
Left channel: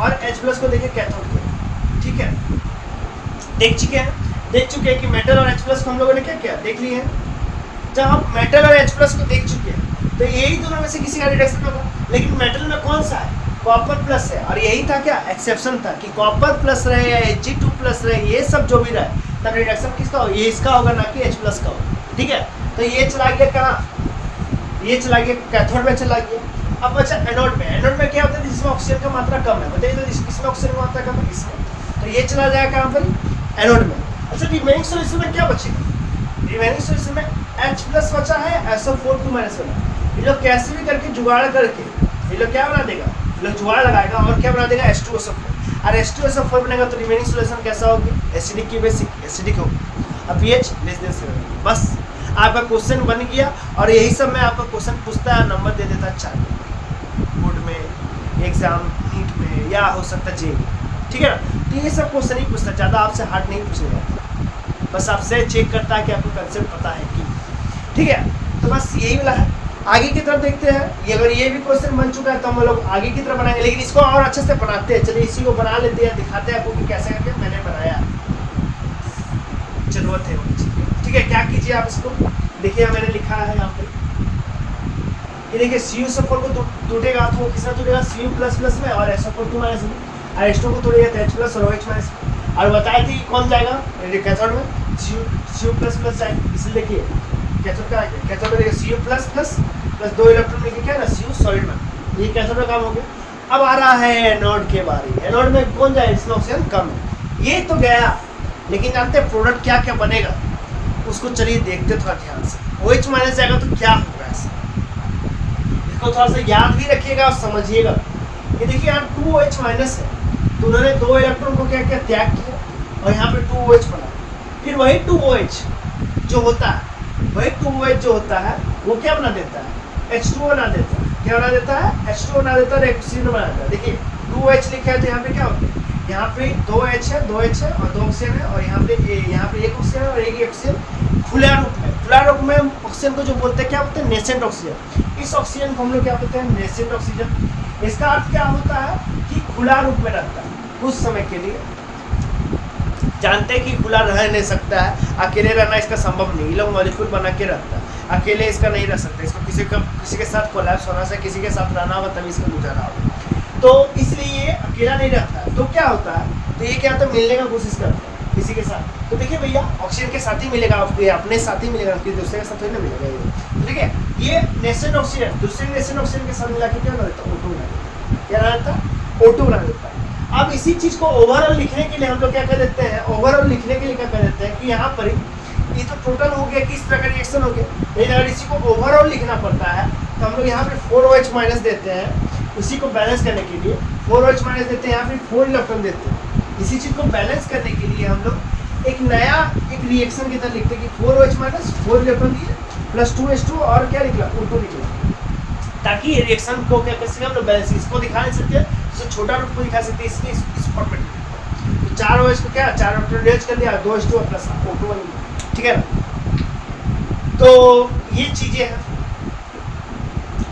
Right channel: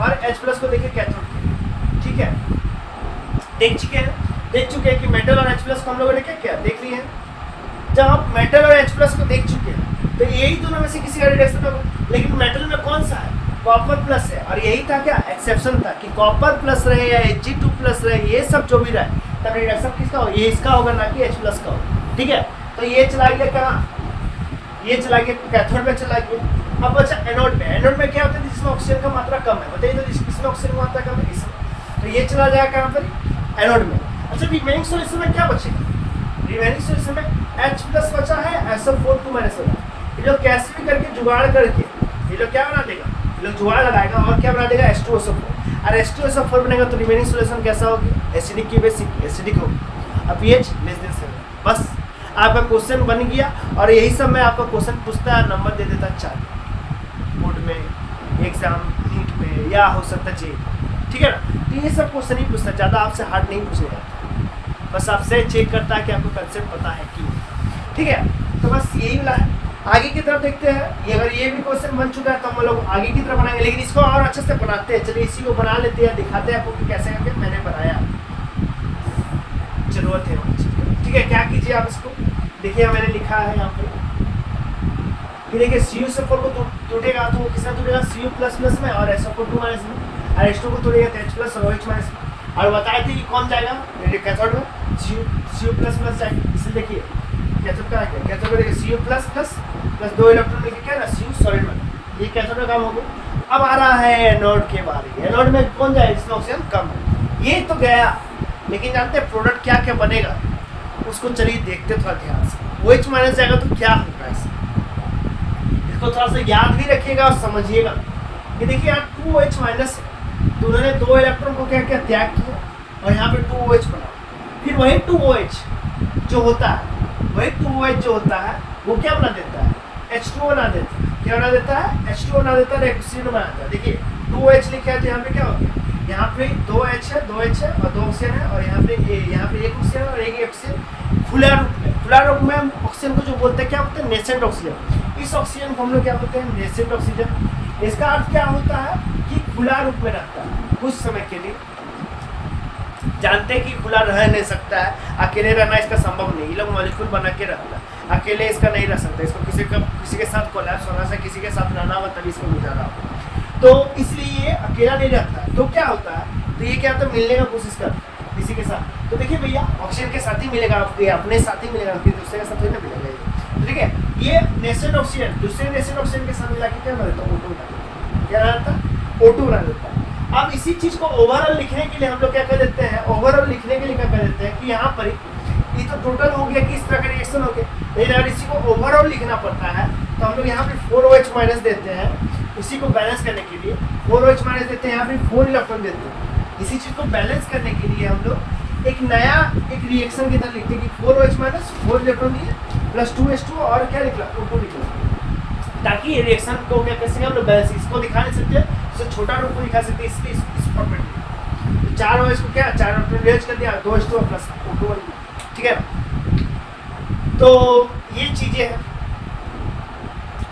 और H+ को देखिए कैथोड को, ठीक है देख चुके हैं कि मेटल और H+ को हम लोगों ने क्या किया देख लिए हैं। जब आप मेटल और H+ को देख चुके हैं तो यही दोनों में से किसी का रिडक्शन होगा, लेकिन मेटल में कौन सा है कॉपर प्लस है, और यही था क्या एक्सेप्शन था कि कॉपर प्लस रहे या Ag2+ रहे, ये सब जो भी रहे तब रिडक्शन किसका होगा, ये इसका होगा ना कि H+ का होगा। ठीक है तो ये चला गया कहाँ, ये चला गया, कैथोड में चला गया। अब बचा एनोड में। एनोड में क्या होता है जिसमें ऑक्सीजन का मात्रा कम है, बताइए तो इसमें ऑक्सीजन की मात्रा कम है, इसमें, तो ये चला जाएगा कहाँ पर, एनोड में। अच्छा रिमेनिंग सॉल्यूशन में क्या बचेगा, रिमेनिंग सॉल्यूशन में H+ बचा है, SO4 2 वाला। ये लोग कैसे भी करके जुगाड़ करके ये लोग क्या बना देगा, ये लोग जुगाड़ लगाएगा और क्या बना देगा H2SO4। और H2SO4 बनेगा तो रिमेनिंग सॉल्यूशन कैसा होगी, एसिडिक की बेसिक एसिडिक होगी। अब pH <7। बस आपका क्वेश्चन बन गया। और यही सब मैं आपका क्वेश्चन पूछता है, नंबर दे देता है 4 बोर्ड में, एग्जाम नीट में, या हो सकता है जेई, ठीक है ना। तो ये सब क्वेश्चन ही पूछता है, ज़्यादा आपसे हार्ड नहीं पूछे जाता, बस आपसे चेक करता है कि आपको कंसेप्ट पता है कि, ठीक है। तो बस यही वाला है। आगे की तरफ देखते हैं, ये अगर ये भी क्वेश्चन बन चुका है तो हम लोग आगे की तरफ बनाएंगे, लेकिन इसको और अच्छे से बनाते हैं। चलिए इसी को बना लेते हैं, दिखाते हैं आपको कि कैसे करके मैंने बनाया, जरूरत है, ठीक है। क्या कीजिए आप इसको देखिए, मैंने लिखा है यहाँ पे, ये देखिए CuSO4 को टूटेगा तो वो किसका टूटेगा, Cu++ में, और SO4 2- में, और H2 को तोड़ेगा तो H+ और OH- में। और बताए थे कि कौन जाएगा कैथोड में, Cu++ जाएगा। इसलिए देखिए कैथोड का आएगा, कैथोड में देखिए Cu++ 2 इलेक्ट्रॉन में क्या है ना, Cu सॉलिड में, ये कैथोड का काम हो गया। अब आ रहा है एनोड के बारे। एनोड में कौन जाएगा, इसमें ऑक्सीजन कम है, ये तो गया, लेकिन जानते हैं प्रोडक्ट क्या क्या बनेगा, उसको चलिए देखते थोड़ा ध्यान से। OH- जाएगा तो क्या होगा, ऐसा इसको थोड़ा सा याद भी रखिएगा और समझिएगा। ये देखिए यहाँ 2OH- है, तो उन्होंने 2 इलेक्ट्रॉन को क्या क्या त्याग किया और यहाँ पे 2OH बना। फिर वही 2OH जो होता है, वही 2OH जो होता है वो क्या बना देता है, H2O बना देता है। क्या बना देता है, H2O बना देता है, ऑक्सीजन बना देता है। देखिए 2OH लिखा है तो यहाँ पे क्या होगा, यहाँ पे 2H है, 2H है और 2 ऑक्सीजन है, और यहाँ पे 1 ऑक्सीजन और एक ऑक्सीजन खुला रूप में। खुला रूप में ऑक्सीजन को जो बोलते हैं क्या बोलते हैं, नेसेंट ऑक्सीजन। इस ऑक्सीजन को हम लोग क्या बोलते हैं, नेसेंट ऑक्सीजन। इसका अर्थ क्या होता है कि खुला रूप में रखता है कुछ समय के लिए। जानते हैं कि खुला रह नहीं सकता है, अकेले रहना इसका संभव नहीं, ये लोग मॉलिक्यूल बना के रखता है, अकेले इसका नहीं रह सकता, इसको किसी के साथ कोलैप्स होना से, किसी के साथ रहना होगा तभी इसको गुजारा होगा, तो इसलिए ये अकेला नहीं रहता है। तो क्या होता है, तो ये क्या होता है, मिलने का कोशिश करता है किसी के साथ। तो देखिए भैया ऑक्सीजन के साथ ही मिलेगा, ये अपने साथ ही मिलेगा, फिर दूसरे के साथ थोड़ी ना मिलेगा ये, ठीक है। ये नेसेंट ऑक्सीजन दूसरे नेसेंट ऑक्सीजन के साथ मिला के क्या बना देता है, O2 बना देता है। क्या बना देता है, O2 बना देता है। अब इसी चीज को ओवरऑल लिखने के लिए हम लोग क्या कर देते हैं, ओवरऑल लिखने के लिए क्या कर देते हैं कि यहाँ पर ये तो टोटल हो गया कि इस तरह का रिएक्शन हो गया, लेकिन अगर इसी को ओवरऑल लिखना पड़ता है तो हम लोग यहाँ पे 4OH- देते हैं, इसी को बैलेंस करने के लिए 4OH- देते हैं, यहाँ पे 4 इलेक्ट्रॉन देते हैं। इसी चीज को बैलेंस करने के लिए हम लोग एक नया एक रिएक्शन की तरह लिखते हैं कि 4OH- 4 इलेक्ट्रॉन दिए प्लस 2H2 और क्या निकला, O2 निकला, ताकि ये रिएक्शन को क्या कैसे हम लोग बैलेंस, इसको दिखा नहीं सकते, इससे छोटा रूप को दिखा सकते हैं, इसलिए इस फॉर्मेट में। तो 4 OH को क्या 4 इलेक्ट्रॉन कर दिया, 2H2 प्लस O2 बन गया, ठीक है ना। तो ये चीजें हैं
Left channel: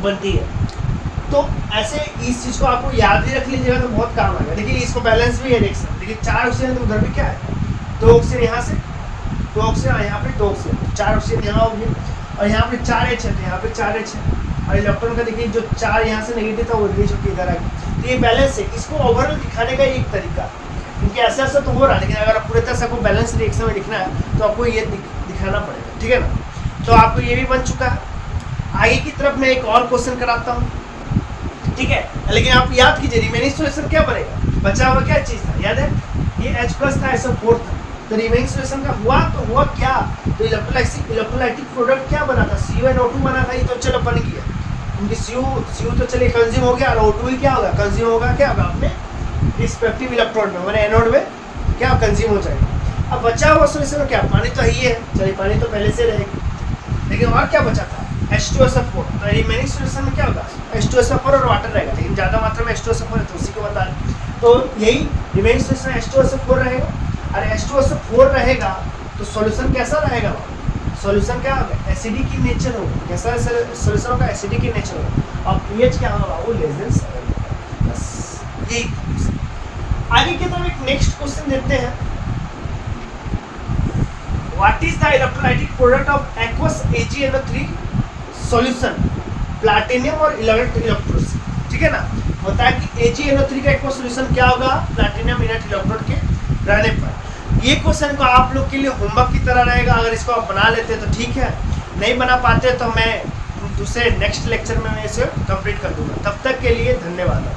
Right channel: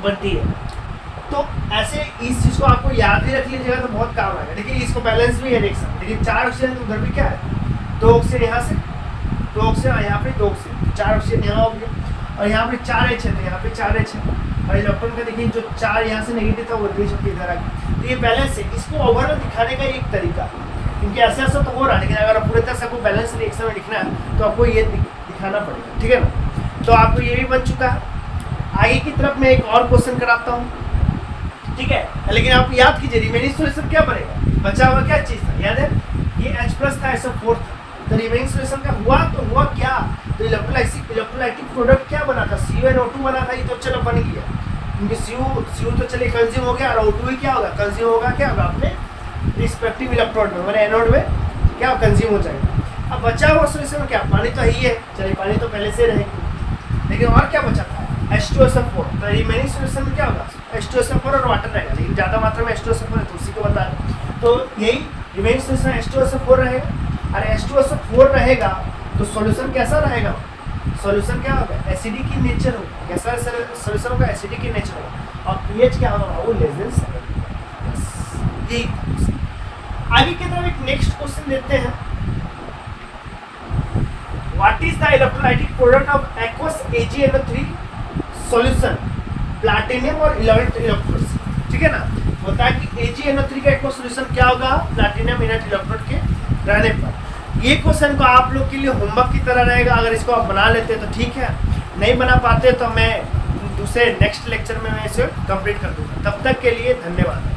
बनती है, तो ऐसे इस चीज को आपको याद ही रख लीजिएगा तो बहुत काम आएगा। देखिए इसको बैलेंस भी है रिएक्शन, देखिए 4 ऑक्सीजन तो उधर भी क्या है, 2 ऑक्सीजन यहाँ से, 2 ऑक्सीजन यहाँ पे 2 ऑक्सीजन, 4 ऑक्सीजन यहाँ हो गया, और यहाँ पे 4H है तो यहाँ पे 4H है, और इलेक्ट्रॉन का देखिए जो 4 यहाँ से नेगेटिव था वो नीचे इधर आ गया। तो ये बैलेंस है, इसको ओवरऑल दिखाने का एक तरीका, क्योंकि ऐसा ऐसा तो हो रहा है, लेकिन अगर आप पूरे तरह से आपको बैलेंस रिएक्शन में लिखना है तो आपको ये दिखाना पड़ेगा, ठीक है ना। तो आपको ये भी बन चुका है। आगे की तरफ मैं एक और क्वेश्चन कराता हूँ, ठीक है, लेकिन आप याद कीजिए रिमेनिंग सॉल्यूशन क्या बनेगा, बचा हुआ क्या चीज था, याद है ये H+ था, SO4 था, तो रिमेनिंग सॉल्यूशन का हुआ क्या, तो इलेक्ट्रोलाइटिक प्रोडक्ट क्या बना था, CuNO2 बना था, ये तो चलो बन गया, क्योंकि Cu तो चलिए कंज्यूम हो गया, और O2 ही क्या होगा, कंज्यूम होगा क्या अपने रिस्पेक्टिव इलेक्ट्रोड में, मैंने एनोड में क्या कंज्यूम हो जाएगा। अब बचा हुआ सॉल्यूशन में क्या, पानी तो ही है, चलिए पानी तो पहले से रहेगी, लेकिन और क्या बचा था, H2SO4, तो रिमेनिंग सॉल्यूशन में क्या होगा, H2SO4 और वाटर रहेगा, लेकिन ज़्यादा मात्रा में H2SO4 है तो उसी को बता रहे, तो यही रिमेनिंग सॉल्यूशन H2SO4 रहेगा। और H2SO4 रहेगा तो सॉल्यूशन कैसा रहेगा, सॉल्यूशन क्या होगा, एसिडिक की नेचर होगा, कैसा सॉल्यूशन होगा, एसिडिक की नेचर होगा, और pH क्या होगा, वो <7। बस यही। आगे की तरफ एक नेक्स्ट क्वेश्चन देते हैं, what is the electrolytic product of aqueous AgNO3 solution, platinum और इनर्ट इलेक्ट्रोड, ठीक है ना। होता है कि AgNO3 का एक्वस सॉल्यूशन क्या होगा, प्लैटिनम इनर्ट इलेक्ट्रोड के रहने पर। ये क्वेश्चन को आप लोग के लिए होमवर्क की तरह रहेगा, अगर इसको आप बना लेते तो ठीक है, नहीं बना पाते तो मैं दूसरे नेक्स्ट लेक्चर में मैं इसे कंप्लीट कर दूंगा। तब तक के लिए धन्यवाद।